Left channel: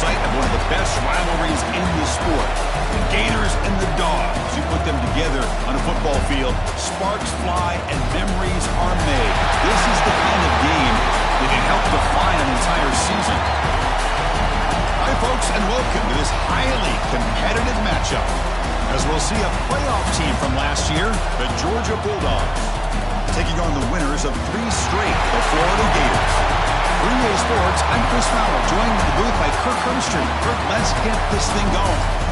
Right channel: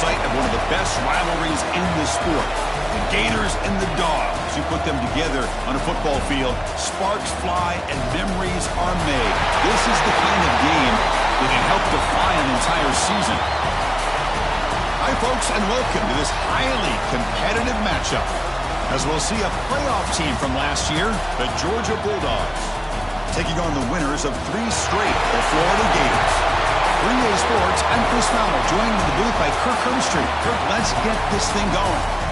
site of one of the best rivalries in the sport. The Gators and the Dogs. You put them together on a football field, sparks fly and memories are made. This is the kind of game that can help define an entire season. Hi, folks, and welcome to this highly competitive matchup, as we'll see a playoff team from last year, the Georgia Bulldogs, taking on the winners of 3 straight, the Florida Gators. 3A Sports, I'm Chris Fowler, joined in the booth by Kirk Herbstreit. Kirk, let's get this thing going.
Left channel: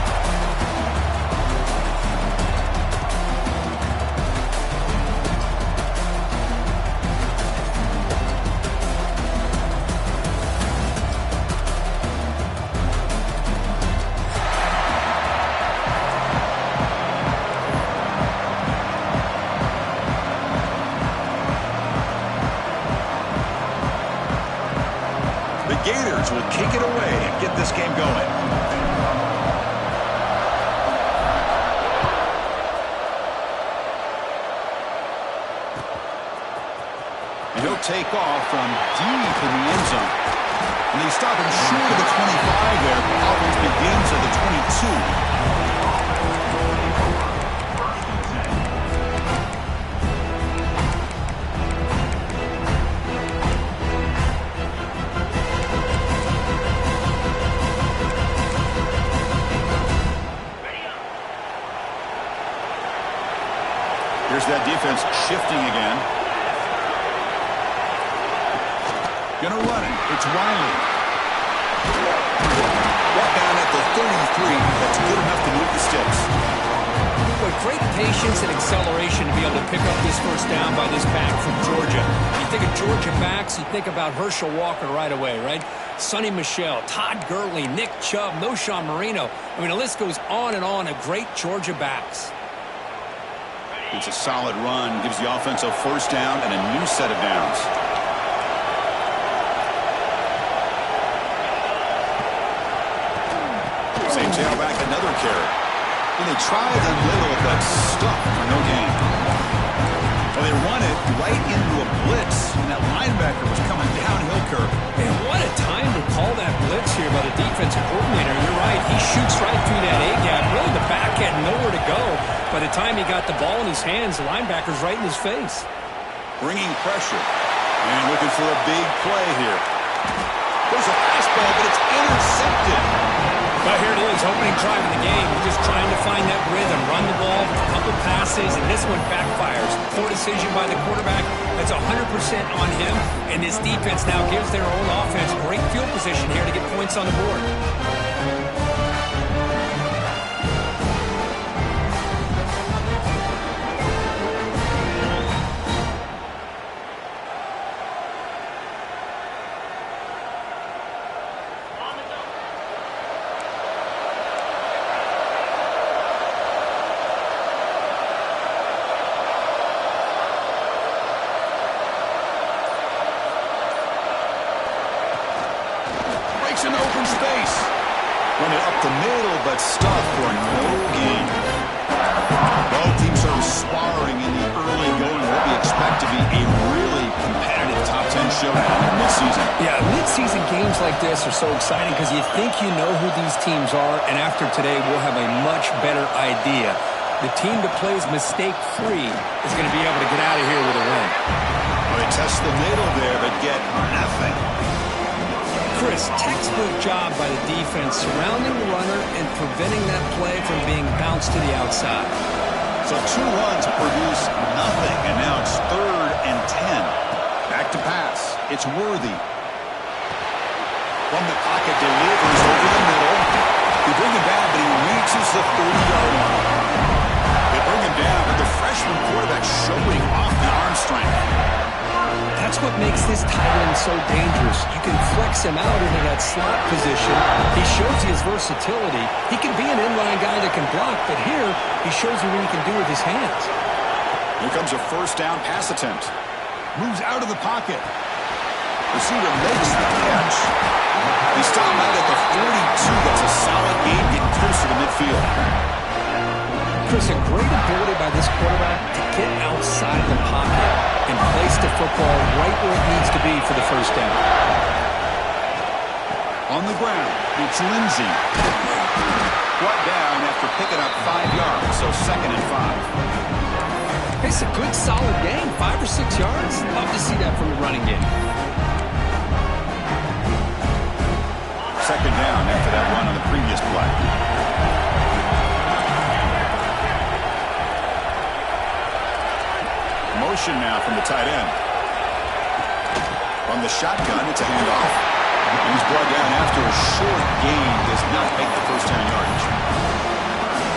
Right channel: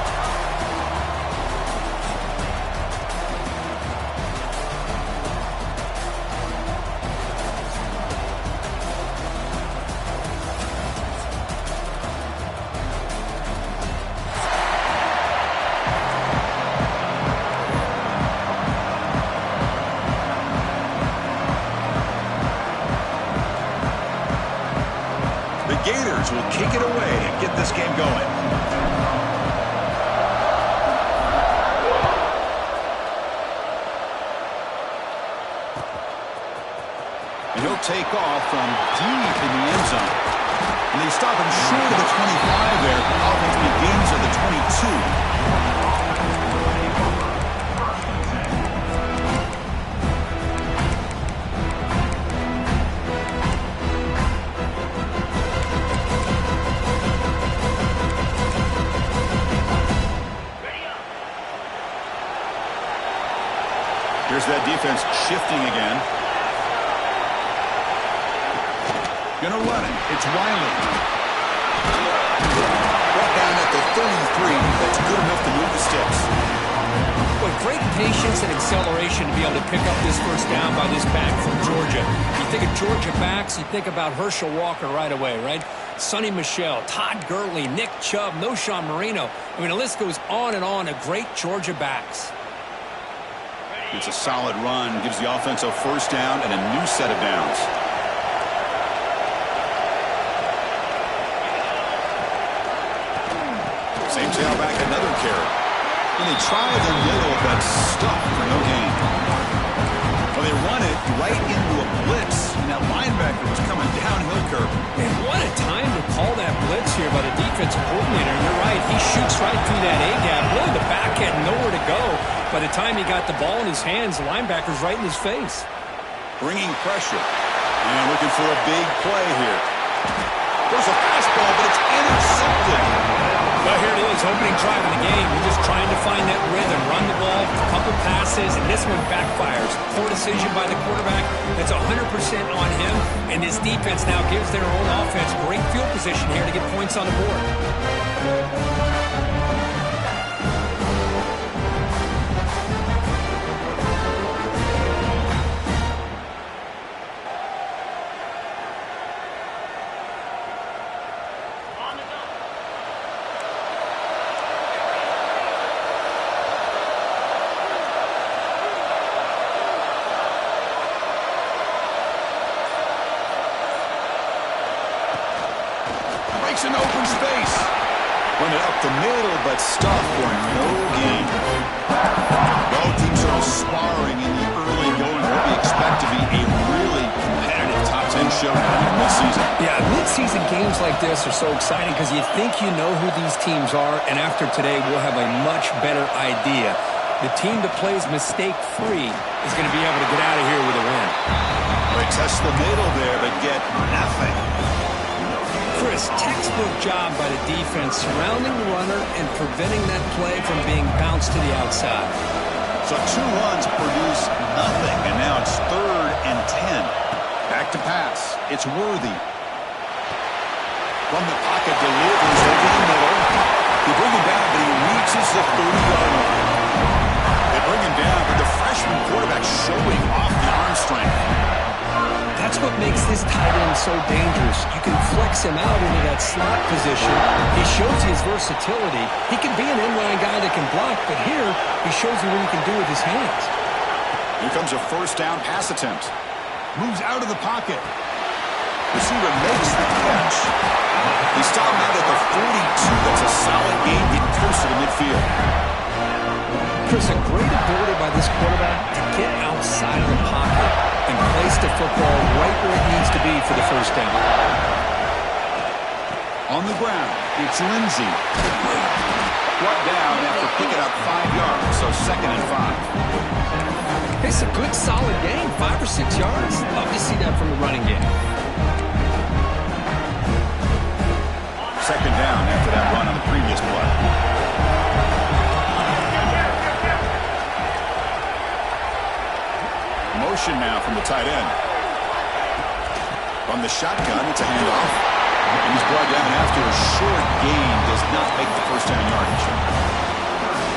Gators will kick it away and get this game going. And he'll take off from deep in the end zone. And they stop him short of the 25 there. Offense begins at the 22. Here's that defense shifting again. Gonna run it. It's Riley. Brought down at the 33. That's good enough to move the sticks. Boy, great patience and acceleration to be able to pick up this first down by this back from Georgia. You think of Georgia backs, you think about Herschel Walker right away, right? Sonny Michel, Todd Gurley, Nick Chubb, Noshawn Marino. I mean, the list goes on and on of great Georgia backs. It's a solid run, gives the offense a first down and a new set of downs. Same tailback, another carry. And they try the middle, but stuck for no gain. Well, they run it right into a blitz, and that linebacker was coming downhill, Kirk. Man, what a time to call that blitz here by the defensive coordinator. And you're right, he shoots right through that A-gap. Really, the back had nowhere to go. By the time he got the ball in his hands, the linebacker's right in his face. Bringing pressure. And looking for a big play here. There's a fastball, but it's intercepted. But here it is, opening drive of the game. We're just trying to find that rhythm, run the ball, a couple passes, and this one backfires. Poor decision by the quarterback. That's 100% on him, and this defense now gives their own offense great field position here to get points on the board. An open space. Run it up the middle, but stuffed for no gain. Both teams sort of sparring in the early going. What we expect to be a really competitive top 10 showdown in midseason. Yeah, midseason games like this are so exciting because you think you know who these teams are, and after today, we'll have a much better idea. The team that plays mistake-free is going to be able to get out of here with a win. Well, they test the middle there, but get nothing. Chris, textbook job by the defense surrounding the runner and preventing that play from being bounced to the outside. So 2 runs produce nothing, and now it's 3rd and 10. Back to pass. It's Worthy. From the pocket, delivers over the middle. They bring him down, but he reaches the 30-yard line. They bring him down, but the freshman quarterback showing off the arm strength. That's what makes this tight end so dangerous. You can flex him out into that slot position. He shows you his versatility. He can be an inline guy that can block, but here he shows you what he can do with his hands. Here comes a first down pass attempt. Moves out of the pocket. Receiver makes the catch. They stop him out at the 42. That's a solid gain, getting close to the midfield. Chris, a great ability by this quarterback to get outside of the pocket and place the football right where it needs to be for the first down. On the ground, It's Lindsey. Brought down after picking up 5 yards, so 2nd and 5. It's a good, solid game. 5 or 6 yards. Love to see that from the running game. 2nd down after that run on the previous play. Motion now from the tight end. From the shotgun, it's a handoff. And he's brought down after a short gain. Does not make the first down yardage.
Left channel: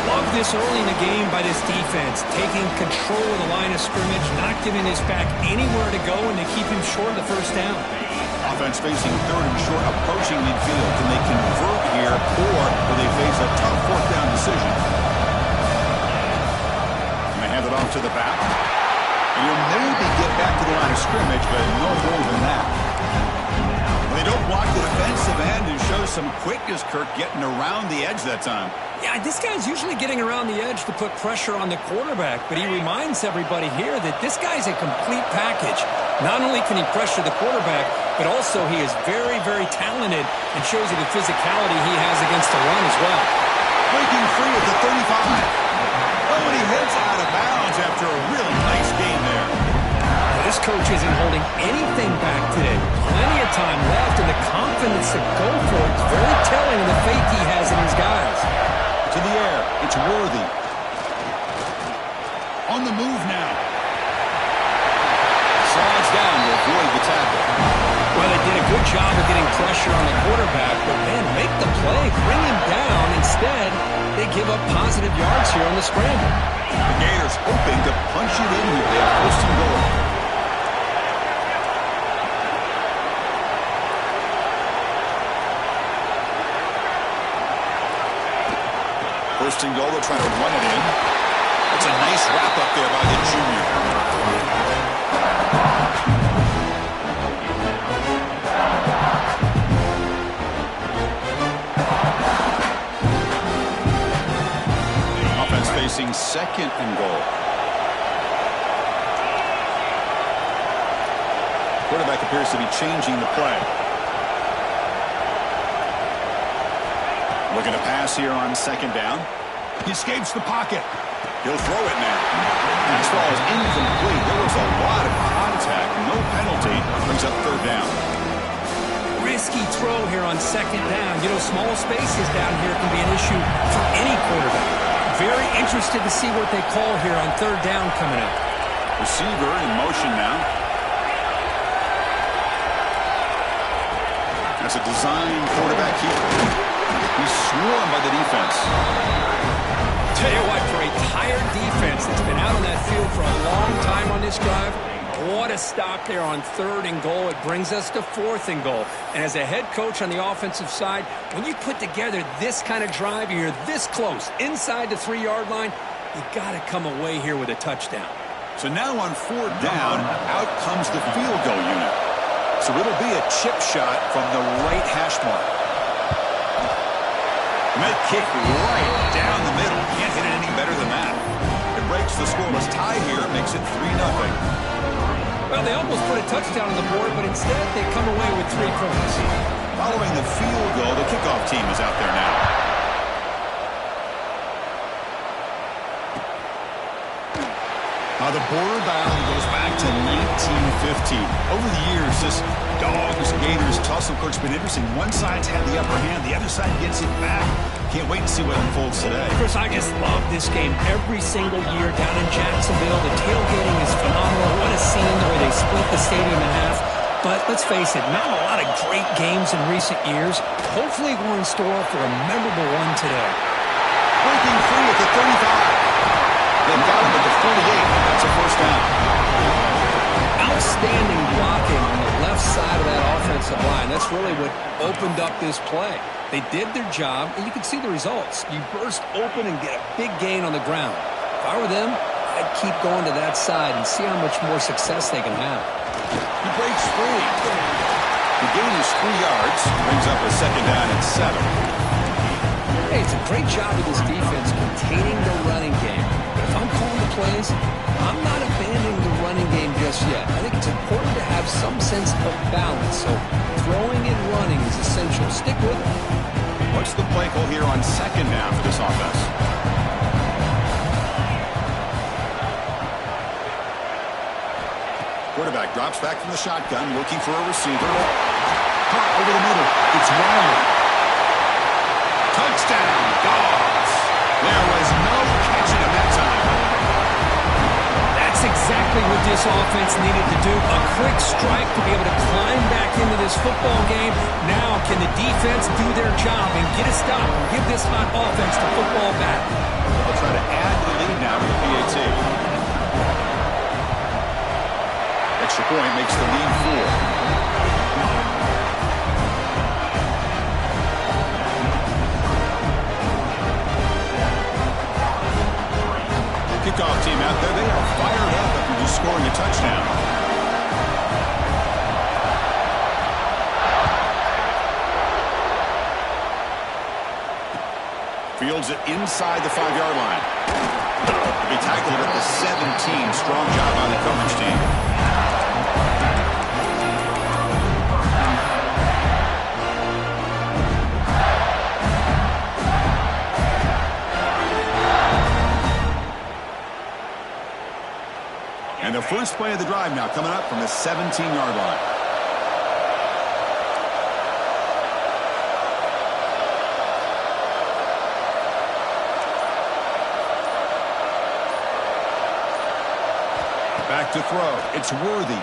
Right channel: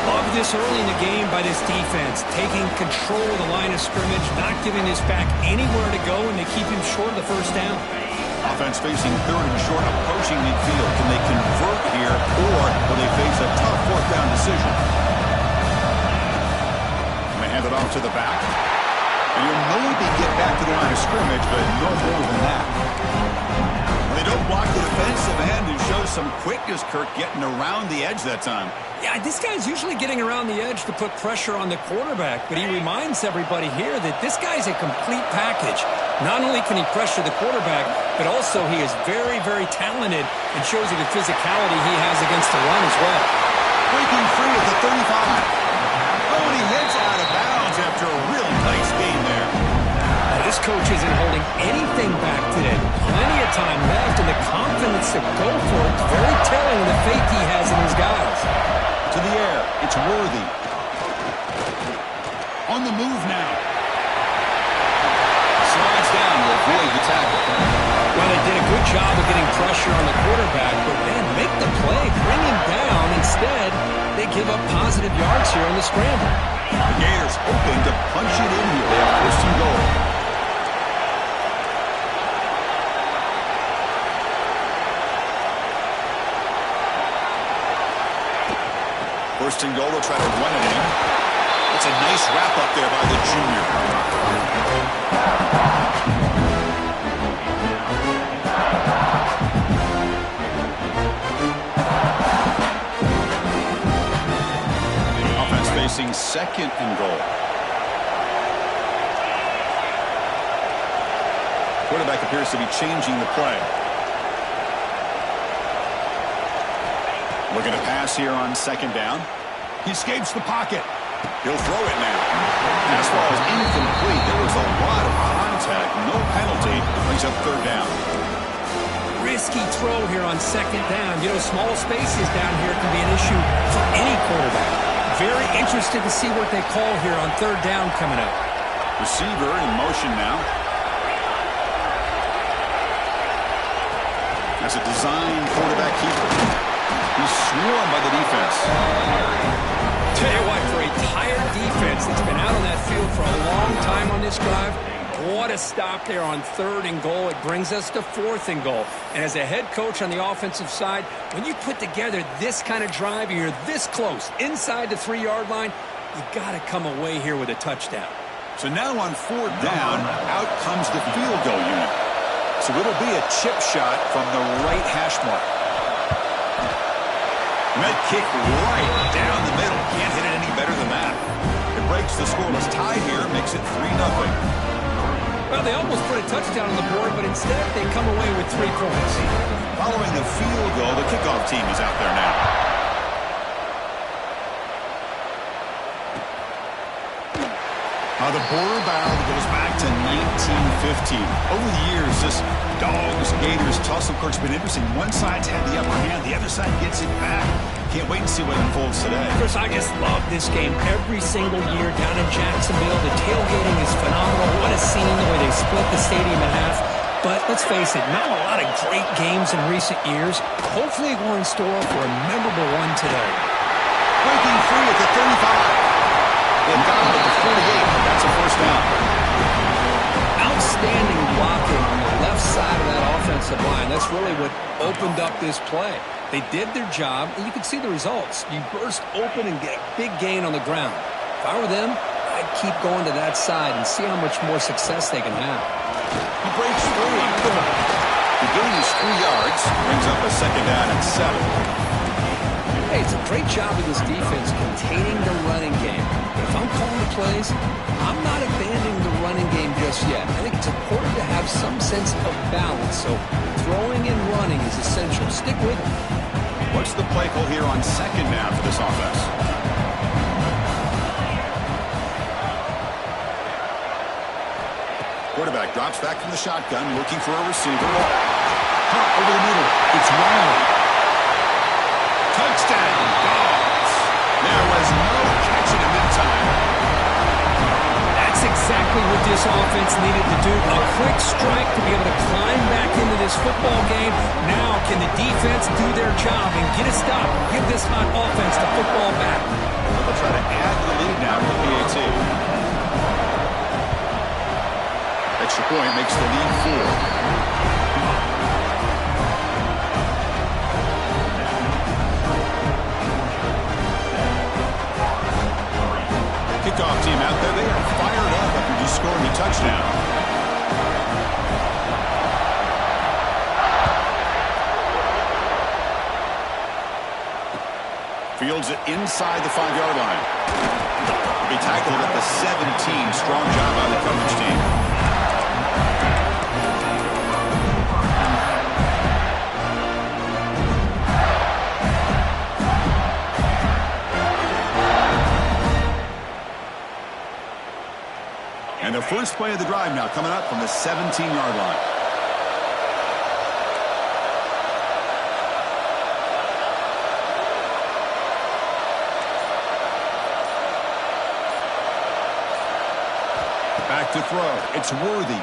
Love this early in the game by this defense. Taking control of the line of scrimmage, not giving this back anywhere to go, and they keep him short of the first down. Offense facing 3rd and short, approaching midfield. Can they convert here, or will they face a tough 4th down decision? And they hand it off to the back. And you'll maybe get back to the line of scrimmage, but no more than that. Well, they don't block the defensive end and show some quickness, Kirk, getting around the edge that time. Yeah, this guy's usually getting around the edge to put pressure on the quarterback, but he reminds everybody here that this guy's a complete package. Not only can he pressure the quarterback, but also he is very, very talented and shows you the physicality he has against the run as well. Breaking free at the 35. Oh, and he heads out of bounds after a really nice game there. This coach isn't holding anything back today. Plenty of time left, and the confidence to go for it is very telling of the faith he has in his guys. To the air, it's Worthy. On the move now. Slides down to avoid the tackle. Well, they did a good job of getting pressure on the quarterback, but man, make the play, bring him down. Instead, they give up positive yards here on the scramble. The Gators hoping to punch it in here. They have 1st and goal. First and goal, they'll try to run it in. That's a nice wrap up there by the junior. Offense facing 2nd and goal. Quarterback appears to be changing the play. Looking to pass here on 2nd down. He escapes the pocket. He'll throw it now. Pass ball is incomplete. There was a lot of contact. No penalty. Brings up 3rd down. Risky throw here on 2nd down. You know, small spaces down here can be an issue for any quarterback. Very interested to see what they call here on 3rd down coming up. Receiver in motion now. That's a design quarterback keeper. He's swarmed by the defense. Tell you what, for a tired defense that's been out on that field for a long time on this drive, what a stop there on 3rd and goal. It brings us to 4th and goal. And as a head coach on the offensive side, when you put together this kind of drive and you're this close inside the 3-yard line, you got to come away here with a touchdown. So now on 4th down, out comes the field goal unit. So it'll be a chip shot from the right hash mark. Med kick right down the middle. Can't hit it any better than that. It breaks the scoreless tie here, makes it 3-0. Well, they almost put a touchdown on the board, but instead they come away with 3 points. Following the field goal, the kickoff team is out there now. The border battle goes back to 1915. Over the years, this Dogs-Gators tussle, of course, been interesting. One side's had the upper hand, the other side gets it back. Can't wait to see what unfolds today. Chris, I just love this game every single year down in Jacksonville. The tailgating is phenomenal. What a scene, the way they split the stadium in half. But let's face it, not a lot of great games in recent years. Hopefully we're in store for a memorable one today. Breaking free at the 35. They've got him at the 48. That's a 1st down. Outstanding blocking on the left side of that offensive line. That's really what opened up this play. They did their job, and you can see the results. You burst open and get a big gain on the ground. If I were them, I'd keep going to that side and see how much more success they can have. He breaks free. The gain is 3 yards. Brings up a 2nd down and 7. Hey, it's a great job of this defense containing the running game. But if I'm calling the plays, I'm not abandoning the running game just yet. I think it's important to have some sense of balance. So throwing and running is essential. Stick with it. What's the play call here on second down for this offense? Quarterback drops back from the shotgun, looking for a receiver. Caught over the middle. It's Riley. Touchdown, Dogs. There was no catching him that time. That's exactly what this offense needed to do. A quick strike to be able to climb back into this football game. Now, can the defense do their job and get a stop and give this hot offense the football back? They'll try to add the lead now to the PAT. Extra point makes the lead 4. Kickoff team out there. They are fired up after just scoring a touchdown. Fields it inside the 5-yard line. He'll be tackled at the 17. Strong job by the coverage team. And the first play of the drive now coming up from the 17-yard line. Back to throw. It's Worthy.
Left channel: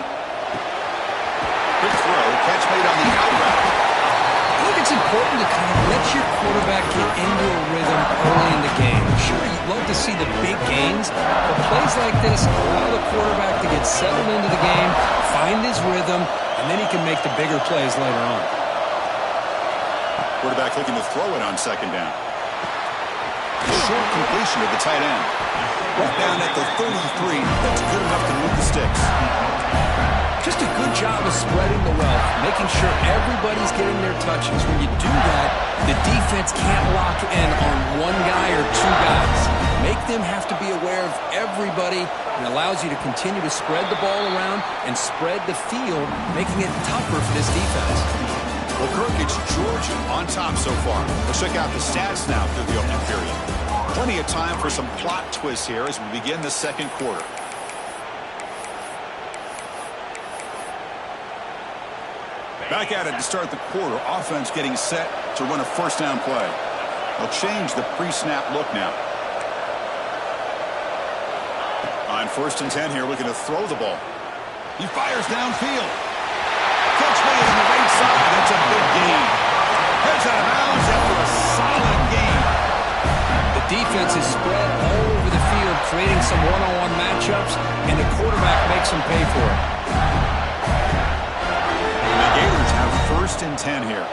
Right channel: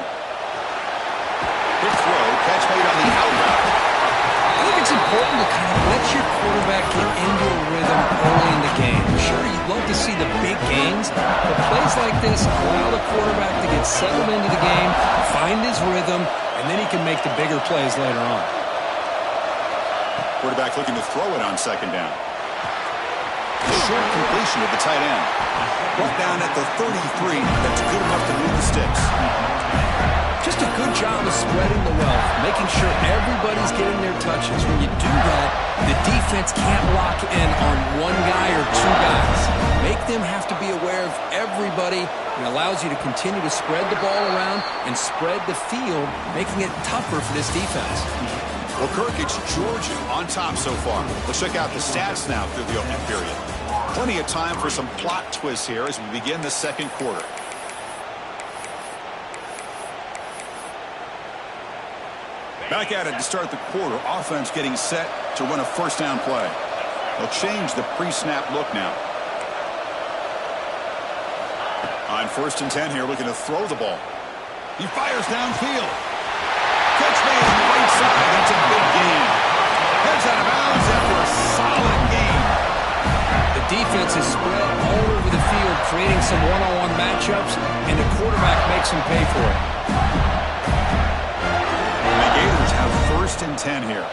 Quick throw. Catch made on the out route. I think it's important to kind of let your quarterback get into a rhythm early in the game. Sure, you'd love to see the big gains, but plays like this allow the quarterback to get settled into the game, find his rhythm, and then he can make the bigger plays later on. Quarterback looking to throw it on second down. Short completion of the tight end. Brought down at the 33. That's good enough to move the sticks. Just a good job of spreading the wealth, making sure everybody's getting their touches. When you do that, the defense can't lock in on one guy or two guys. Make them have to be aware of everybody, and allows you to continue to spread the ball around and spread the field, making it tougher for this defense. Well, Kirk, it's Georgia on top so far. Let's check out the stats now through the opening period. Plenty of time for some plot twists here as we begin the second quarter. Back at it to start the quarter. Offense getting set to run a first down play. They'll change the pre-snap look now. On 1st and 10 here, looking to throw the ball. He fires downfield. Catch made on the right side. That's a big gain. Heads out of bounds after a solid gain. The defense is spread all over the field, creating some one-on-one matchups, and the quarterback makes them pay for it. And the Gators have 1st and 10 here.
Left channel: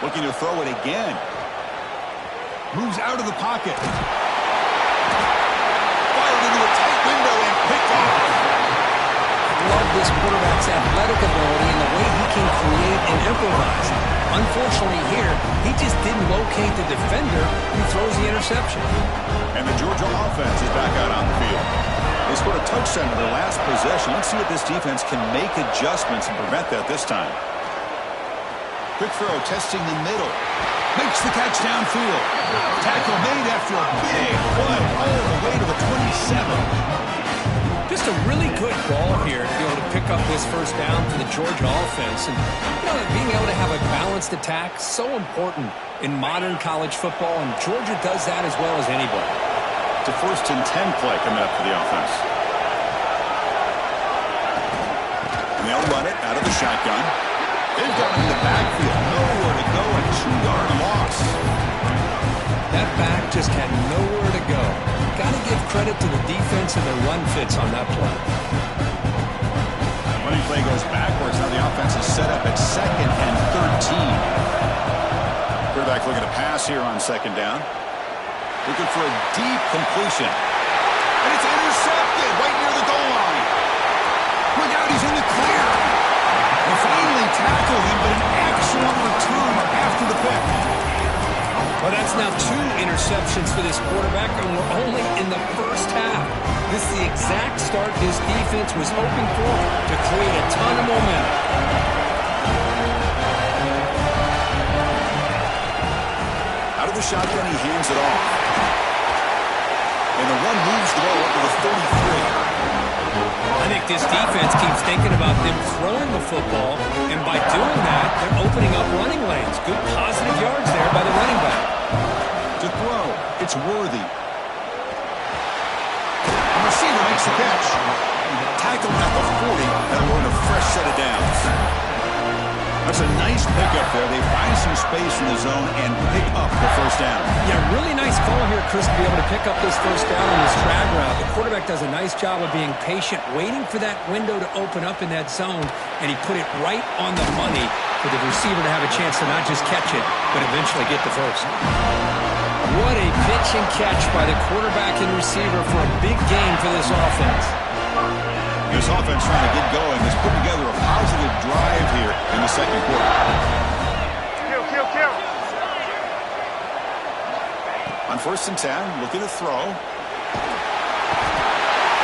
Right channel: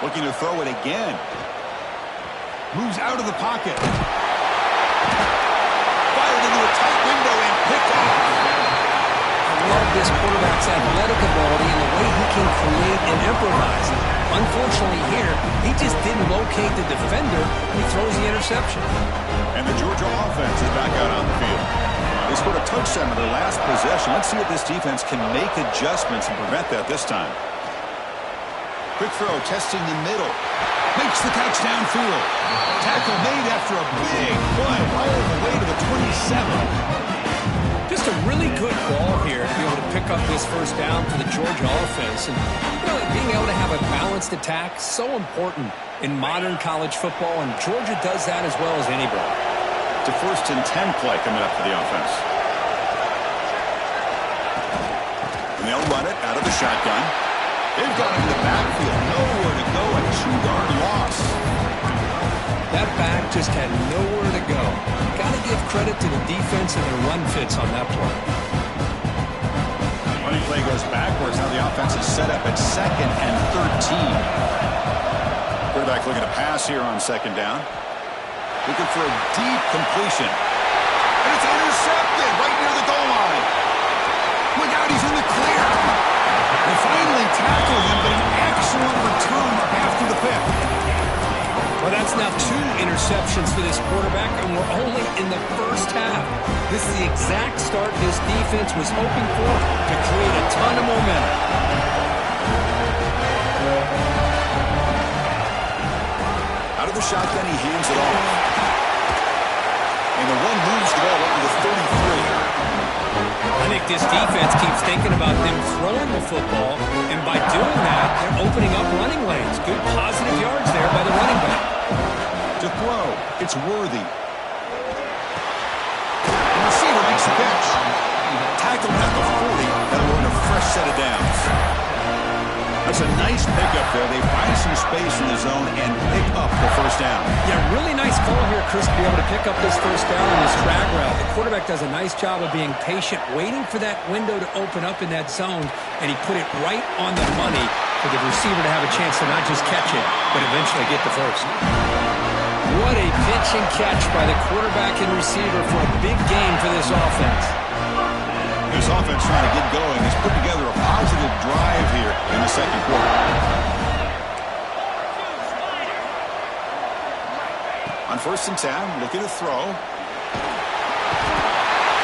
Looking to throw it again. Moves out of the pocket. Fired into a tight window and picked off. I love this quarterback's athletic ability and the way he can create and improvise. Unfortunately here, he just didn't locate the defender. He throws the interception. And the Georgia offense is back out on the field. They scored a touchdown on their last possession. Let's see if this defense can make adjustments and prevent that this time. Quick throw, testing the middle. Makes the catch downfield. Tackle made after a big play all the way to the 27. Just a really good ball here to be able to pick up this first down for the Georgia offense. And, you know, being able to have a balanced attack, so important in modern college football, and Georgia does that as well as anybody. It's a 1st and 10 play coming up for the offense. And they'll run it out of the shotgun. They've got him in the backfield. Nowhere to go. A 2-yard loss. That back just had nowhere to go. Got to give credit to the defense and their run fits on that play. Running play goes backwards. Now the offense is set up at 2nd and 13. Quarterback looking to pass here on 2nd down. Looking for a deep completion. And it's intercepted right near the goal line. Look out, he's in the clear. They finally tackle him, but an excellent return after the pick. Well, that's now 2 interceptions for this quarterback, and we're only in the first half. This is the exact start this defense was hoping for to create a ton of momentum. Out of the shotgun, he hands it off. And the run moves the ball up to the 33. I think this defense keeps thinking about them throwing the football, and by doing that, they're opening up running lanes. Good positive yards there by the running back. To throw, it's Worthy. The receiver makes the catch. Tackled at the 40, that'll earn a fresh set of downs. That's a nice pickup there. They find some space in the zone and pick up the first down. Yeah, really nice call here, Chris, to be able to pick up this first down on this drag route. The quarterback does a nice job of being patient, waiting for that window to open up in that zone, and he put it right on the money for the receiver to have a chance to not just catch it, but eventually get the first. What a pitch and catch by the quarterback and receiver for a big gain for this offense. This offense trying to get going has put together a positive drive here in the second quarter. On 1st and 10, looking to throw.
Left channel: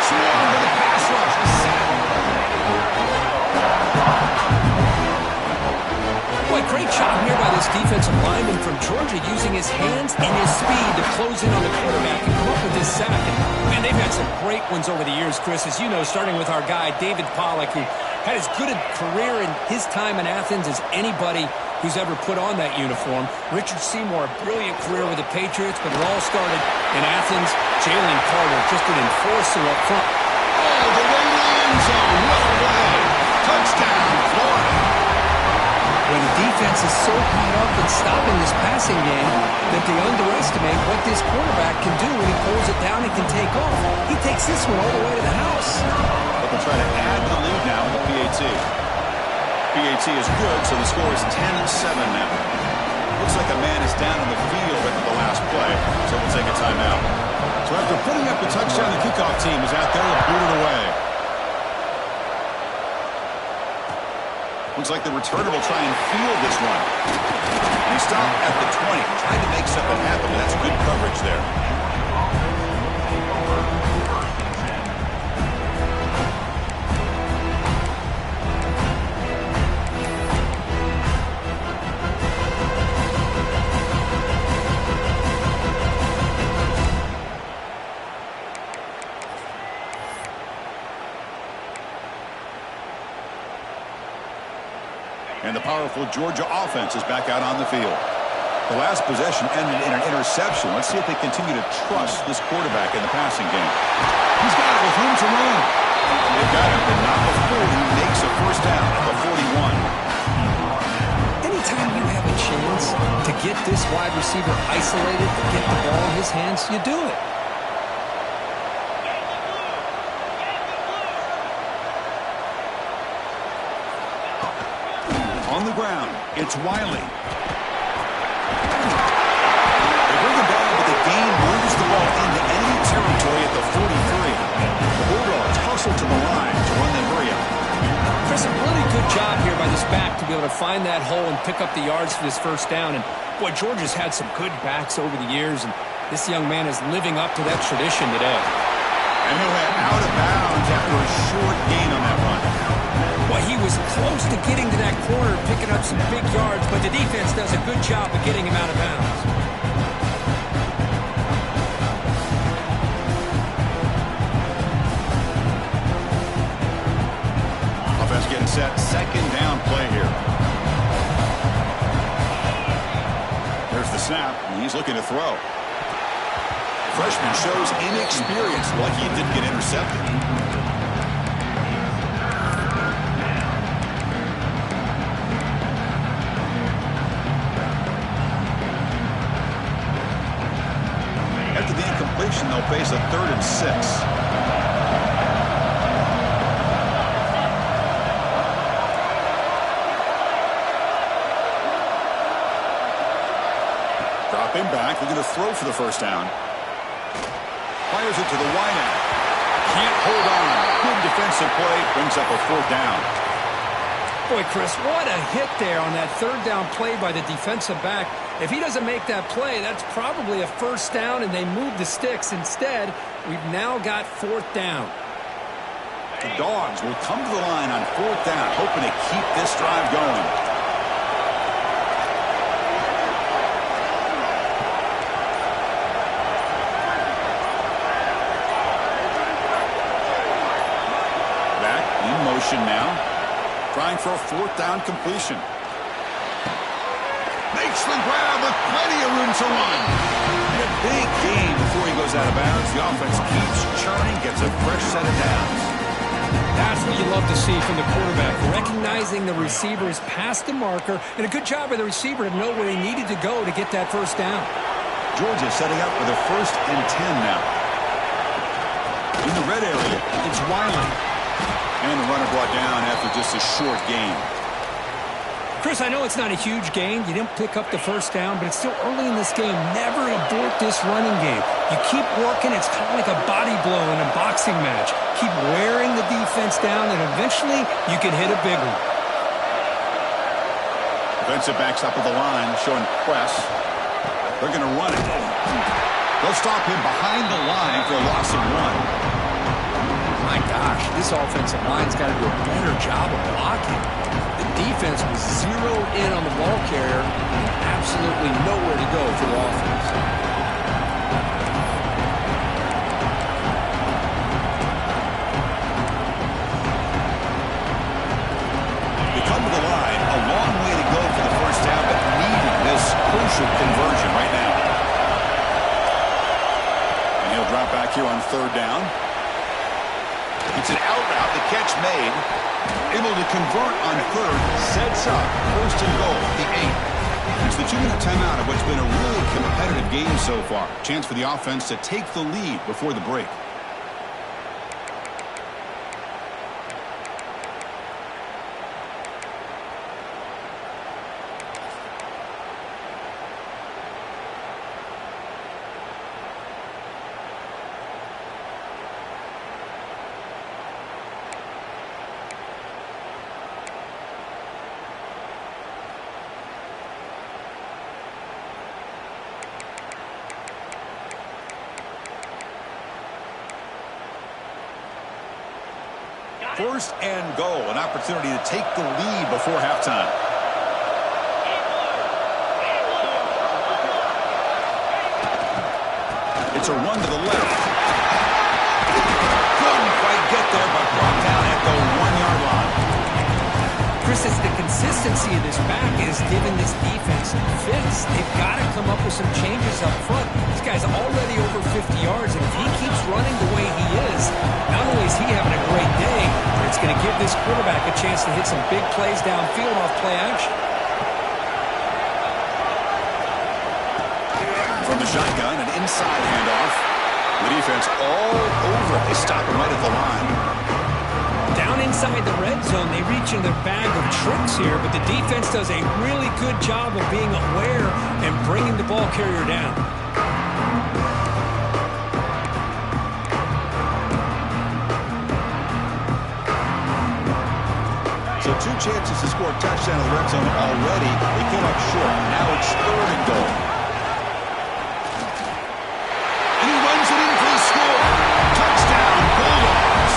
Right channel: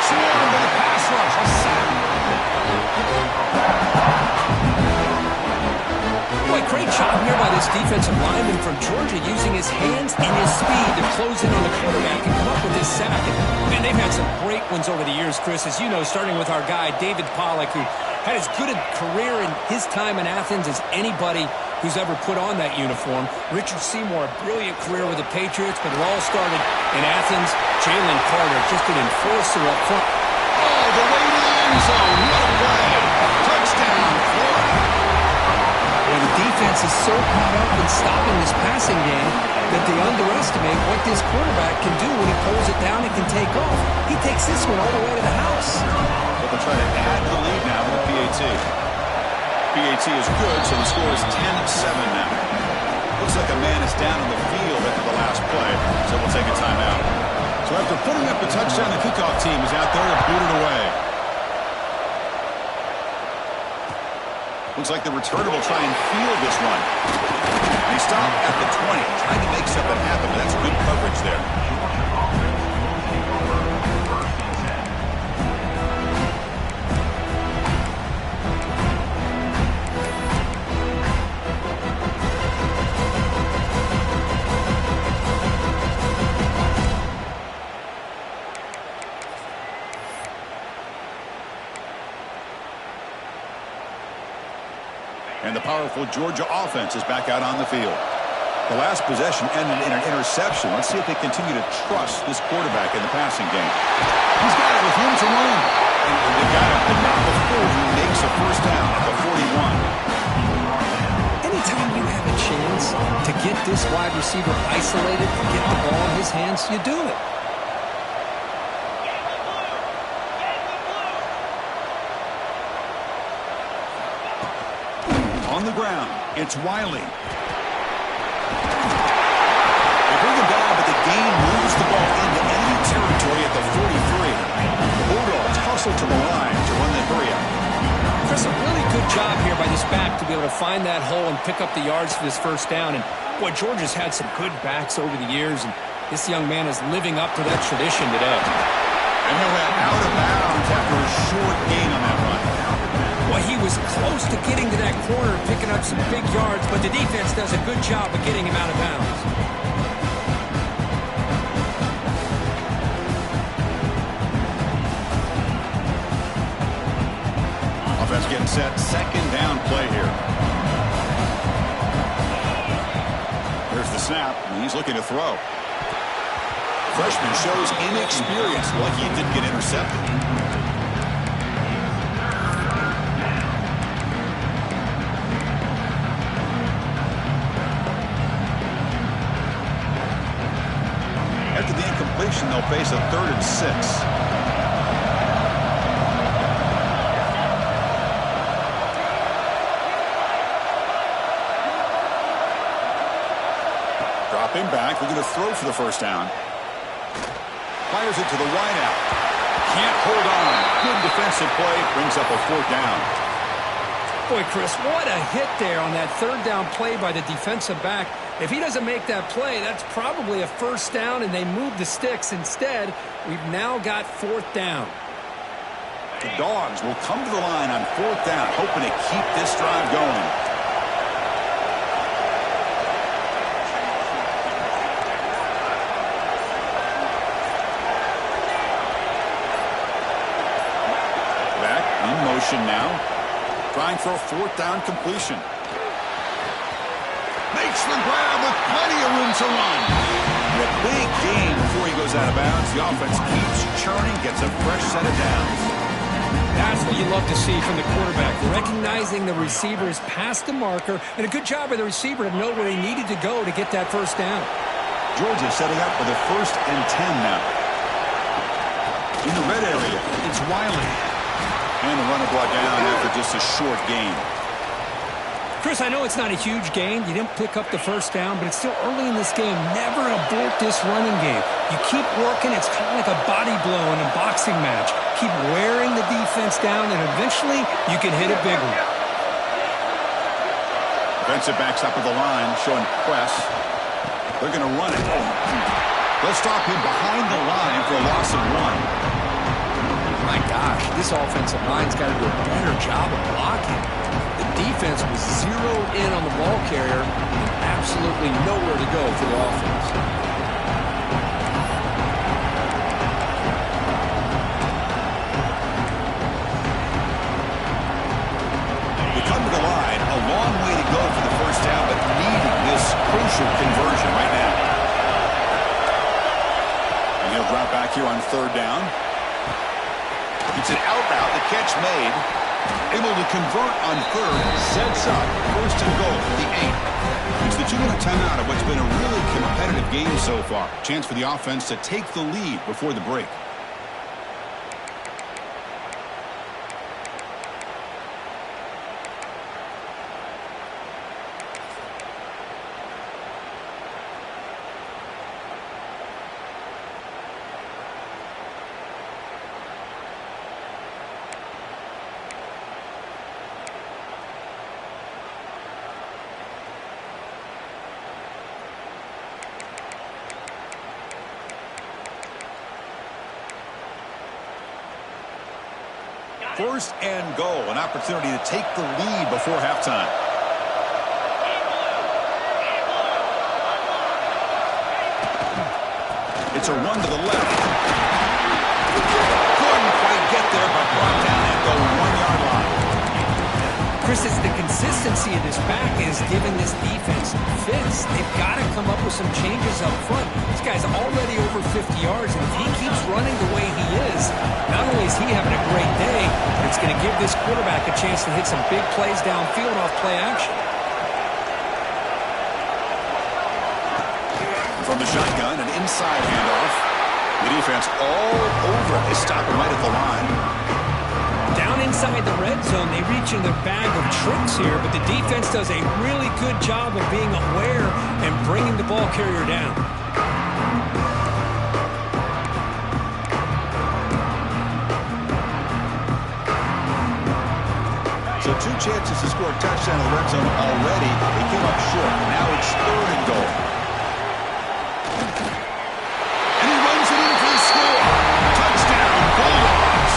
Swarmed by the pass rush. A sack. Boy, great job here by this defensive lineman from Georgia, using his hands and his speed to close in on the quarterback and come up with this sack. And, man, they've had some great ones over the years, Chris, as you know, starting with our guy, David Pollack, who had as good a career in his time in Athens as anybody who's ever put on that uniform. Richard Seymour, a brilliant career with the Patriots, but it all started in Athens. Jalen Carter, just an enforcer up front. Oh, the way to the end zone. What a play. Touchdown, Florida. Well, the defense is so caught up in stopping this passing game that they underestimate what this quarterback can do when he pulls it down and can take off. He takes this one all the way to the house. But they'll try to add to the lead now with the PAT. PAT is good, so the score is 10-7 now. Looks like a man is down on the field after the last play, so we'll take a timeout. So after putting up a touchdown, the kickoff team is out there to boot it away. Looks like the returner will try and field this one. They stop at the 20. Tried to make something happen, but that's good coverage there. And the powerful Georgia offense is back out on the field. The last possession ended in an interception. Let's see if they continue to trust this quarterback in the passing game. He's got it with room to run. They've got him, but not before he makes a first down at the 41. Anytime you have a chance to get this wide receiver isolated, get the ball in his hands, you do it. On the ground, it's Wiley. They bring him down, but the gain moves the ball into enemy territory at the 43. The Bulldogs hustle to the line to run the hurry up. Chris, a really good job here by this back to be able to find that hole and pick up the yards for this first down. And, boy, Georgia's had some good backs over the years, and this young man is living up to that tradition today. And he'll head out of bounds after a short gain on that run. Well, he was close to getting to that corner, picking up some big yards, but the defense does a good job of getting him out of bounds. Offense getting set. Second down play here. There's the snap, and he's looking to throw. The freshman shows inexperience, like he didn't get intercepted. After the incompletion, they'll face a 3rd and 6. Dropping back, looking to throw for the first down. Fires it to the wideout. Can't hold on. Good defensive play, brings up a 4th down. Boy, Chris, what a hit there on that 3rd down play by the defensive back. If he doesn't make that play, that's probably a first down, and they move the sticks. Instead, we've now got fourth down. The Dogs will come to the line on fourth down, hoping to keep this drive going. Back in motion now, trying for a fourth down completion. Makes the grab with plenty of room to run. And a big gain before he goes out of bounds. The offense keeps churning, gets a fresh set of downs. That's what you love to see from the quarterback, recognizing the receiver's past the marker, and a good job by the receiver to know where he needed to go to get that first down. Georgia setting up for the 1st and 10 now. In the red area, it's Wiley. And the runner brought down after just a short gain. Chris, I know it's not a huge gain. You didn't pick up the first down, but it's still early in this game. Never abort this running game. You keep working. It's kind of like a body blow in a boxing match. Keep wearing the defense down, and eventually you can hit a big one. Defensive backs up at the line, showing press. They're going to run it. They'll stop him behind the line for a loss of 1. My gosh, this offensive line's got to do a better job of blocking. The defense was zeroed in on the ball carrier and absolutely nowhere to go for the offense. They come to the line, a long way to go for the first down, but needing this crucial conversion right now. And he'll drop back here on 3rd down. It's an out route, the catch made. Able to convert on 3rd, sets up 1st and goal, the 8. It's the 2-minute timeout of what's been a really competitive game so far. Chance for the offense to take the lead before the break. First and goal, an opportunity to take the lead before halftime. It's a run to the left. Couldn't quite get there, but brought down at the 1-yard line. Chris, it's the consistency of this back is giving this defense fits. They've got to come up with some changes up front. This guy's already over 50 yards, and if he keeps running the way he is, not only is he having a great day, but it's going to give this quarterback a chance to hit some big plays downfield off play action. From the shotgun, an inside handoff. The defense all over it. They stop him right at the line. Down inside the red zone, they reach in their bag of tricks here, but the defense does a really good job of being aware and bringing the ball carrier down. So 2 chances to score a touchdown in the red zone already. They came up short. Now it's 3rd and goal. And he runs it in for the score. Touchdown, Bulldogs.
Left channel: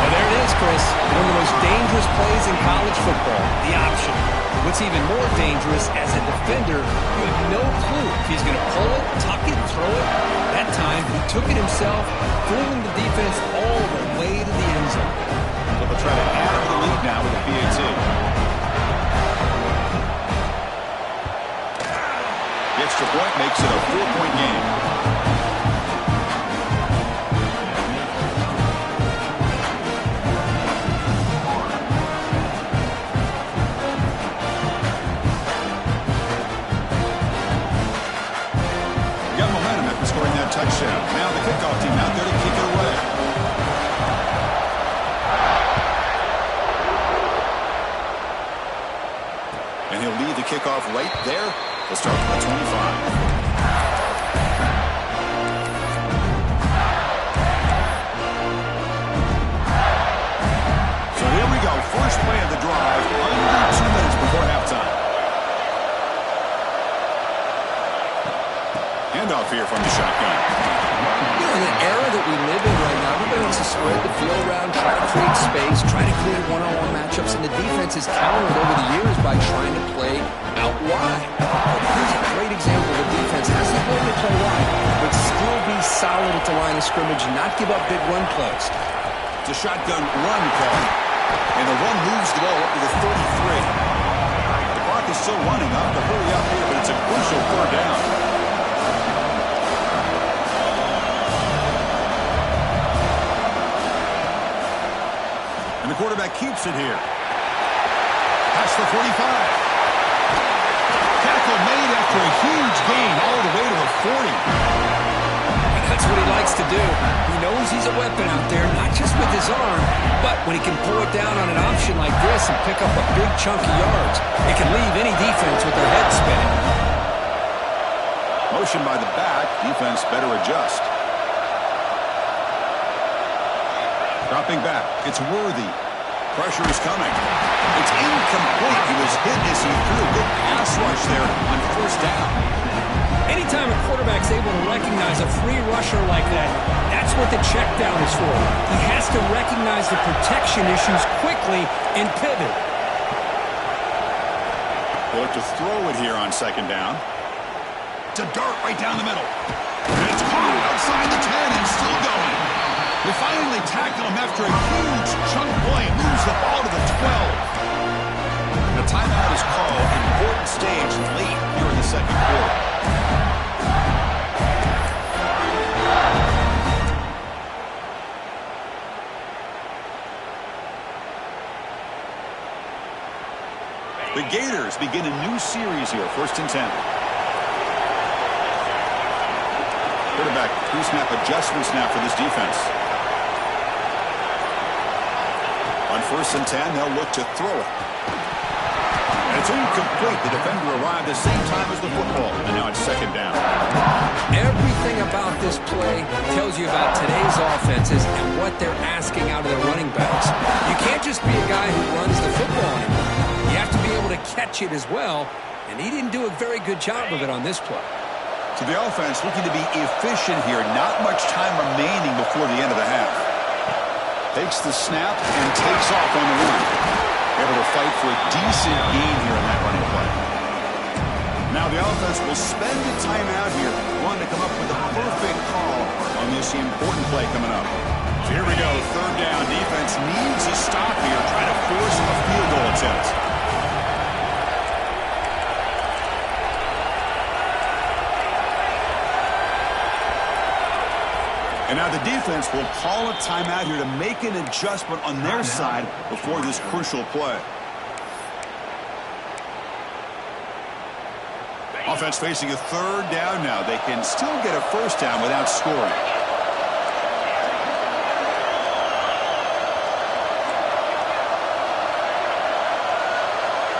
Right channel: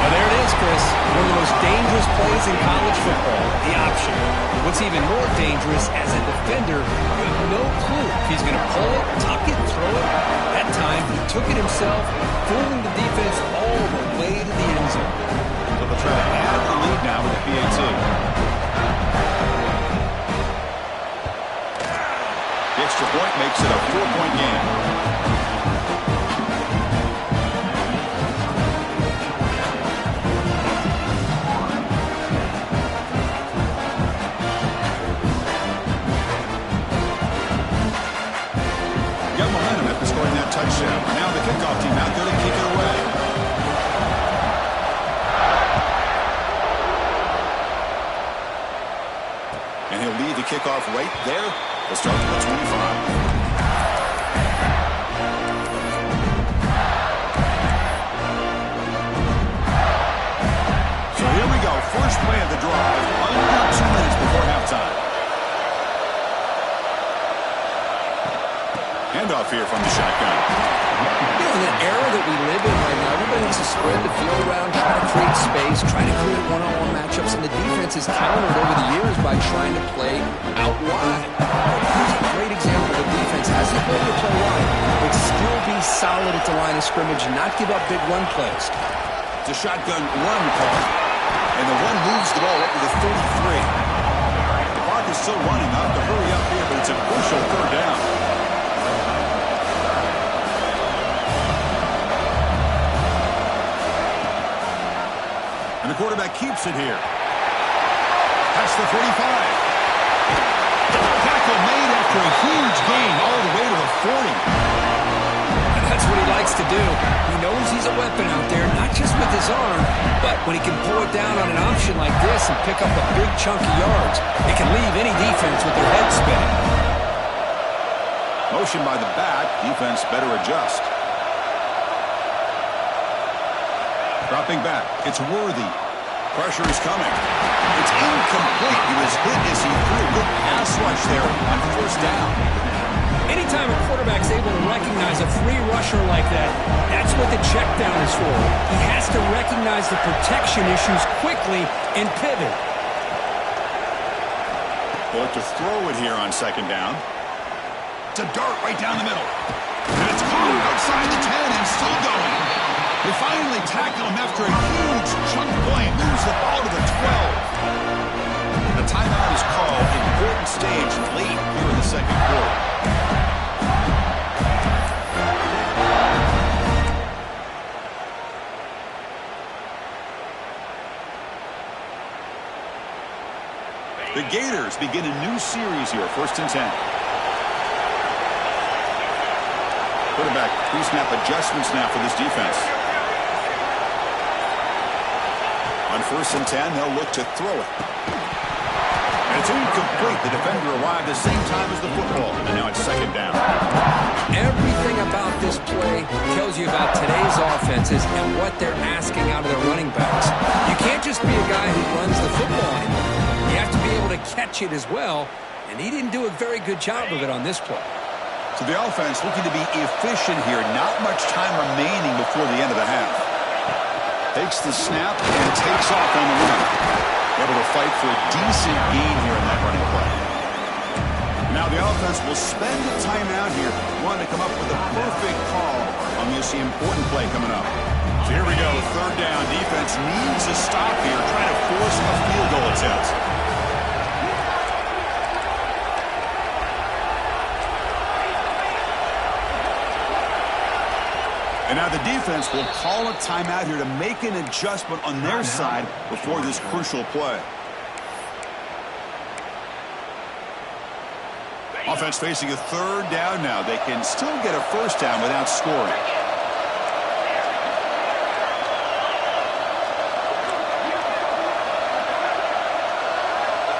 Well, there it is, Chris. One of the most dangerous plays in college football, the option. But what's even more dangerous, as a defender, you have no clue if he's going to pull it, tuck it, throw it. That time, he took it himself, fooling the defense all the way to the end zone. So they'll try to add to the lead now with the PAT. The extra point makes it a 4-point game. Got momentum after scoring that touchdown. Now the kickoff team out there to kick it away. And he'll lead the kickoff right there. They'll start from the 25. So here we go. First play of the drive, under 2 minutes before halftime. Handoff here from the shotgun. You know, in the era that we live in right now, everybody wants to spread the field around, try to create space, try to create one-on-one matchups, and the defense has countered over the years by trying to play out wide. Here's a great example of a defense has the ability to play wide, but still be solid at the line of scrimmage, not give up big run plays. It's a shotgun run call, and the run moves the ball up to the 33. The clock is still running. Up to hurry up here, but it's a crucial third down. And the quarterback keeps it here. Past the 45. Tackle made after a huge gain all the way to the 40. And that's what he likes to do. He knows he's a weapon out there, not just with his arm, but when he can pull it down on an option like this and pick up a big chunk of yards, it can leave any defense with their head spinning. Motion by the back. Defense better adjust. Dropping back. It's Worthy. Pressure is coming. It's incomplete. He was hit as he threw a good pass rush there on first down. Anytime a quarterback's able to recognize a free rusher like that, that's what the check down is for. He has to recognize the protection issues quickly and pivot. They look to throw it here on second down. It's a dart right down the middle. And it's caught outside the 10 and still going. They finally tackle him after a huge chunk play. Moves the ball to the 12. A timeout is called. Important stage late here in the second quarter. The Gators begin a new series here. 1st and 10. Quarterback pre-snap adjustments now for this defense. On 1st and 10, they'll look to throw it. And it's incomplete. The defender arrived the same time as the football. And now it's second down. Everything about this play tells you about today's offenses and what they're asking out of their running backs. You can't just be a guy who runs the football anymore. You have to be able to catch it as well. And he didn't do a very good job of it on this play. So the offense looking to be efficient here. Not much time remaining before the end of the half. Takes the snap and takes off on the run. Able to fight for a decent gain here in that running play. Now the offense will spend a timeout here. Wanting to come up with a perfect call on this important play coming up. So here we go. 3rd down. Defense needs a stop here. Try to force a field goal attempt. And now the defense will call a timeout here to make an adjustment on their side before this crucial play. Offense facing a 3rd down now. They can still get a 1st down without scoring.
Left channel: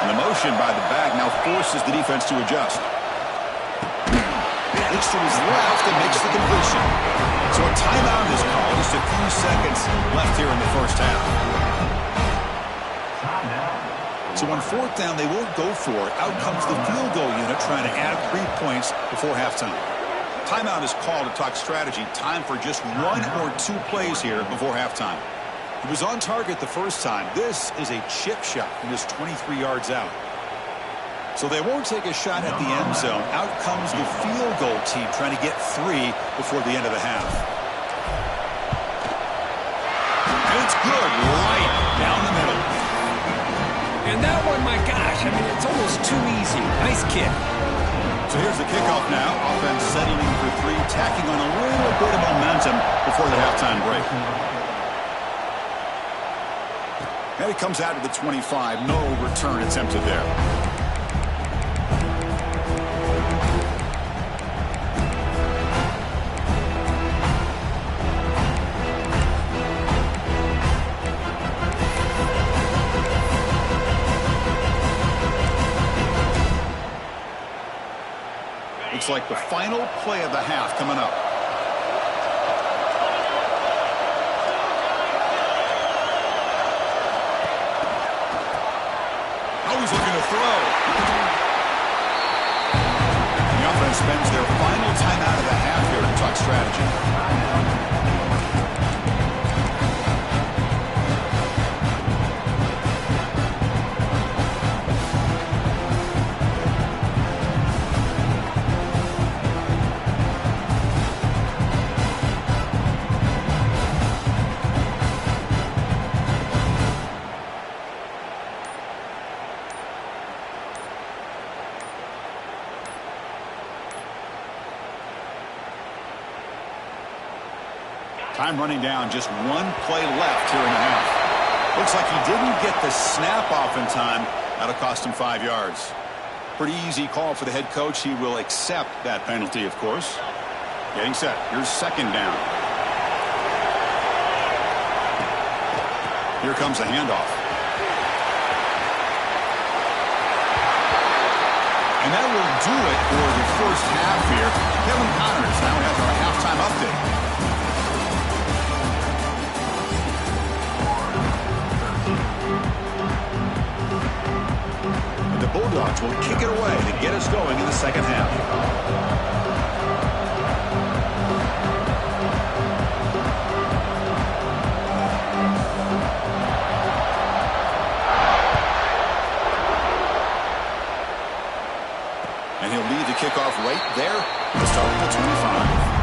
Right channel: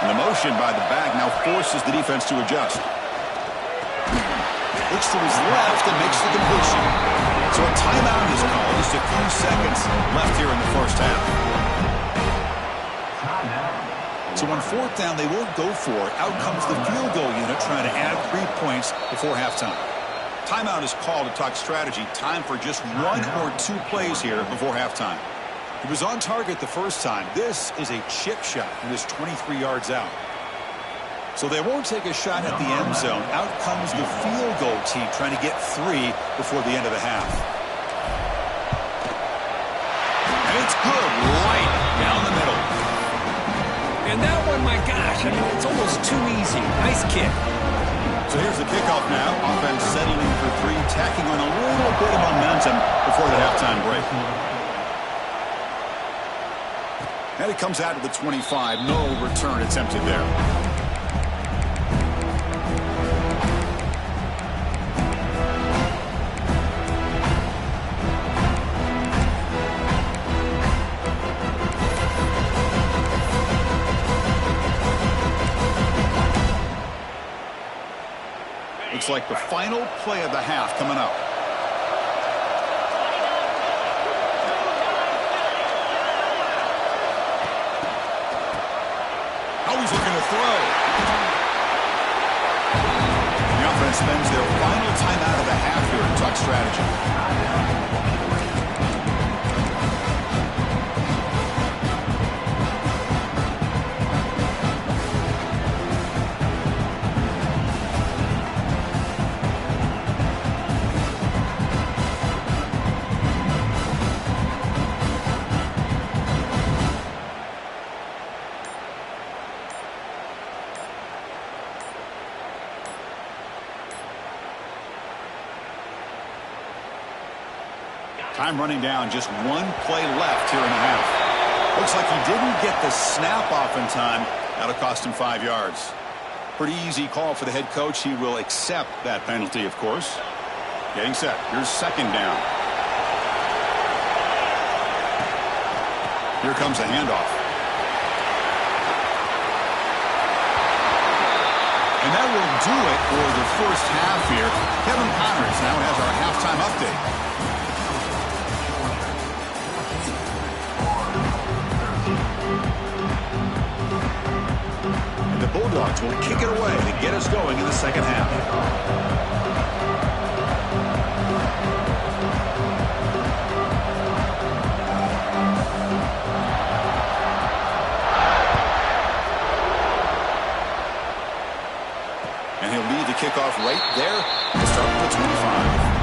And the motion by the back now forces the defense to adjust. Looks to his left and makes the completion. So a timeout is called. Just a few seconds left here in the first half. So on 4th down, they won't go for it. Out comes the field goal unit trying to add 3 points before halftime. Timeout is called to talk strategy. Time for just 1 or 2 plays here before halftime. He was on target the first time. This is a chip shot from just 23 yards out. So they won't take a shot at the end zone. Out comes the field goal team trying to get 3 before the end of the half. And it's good right down the middle. And that one, my gosh, I mean, it's almost too easy. Nice kick. So here's the kickoff now. Offense settling for 3, tacking on a little bit of momentum before the halftime break. And it comes out to the 25. No return attempted there. Looks like the final play of the half coming up. Now he's looking to throw. The offense spends their final timeout of the half here to talk strategy. Time running down, just one play left here in the half. Looks like he didn't get the snap off in time. That'll cost him 5 yards. Pretty easy call for the head coach. He will accept that penalty, of course. Getting set. Here's second down. Here comes the handoff. And that will do it for the first half here. Kevin Connors now has our halftime update. The Bulldogs will kick it away to get us going in the second half. And he'll lead the kickoff right there to start the 25.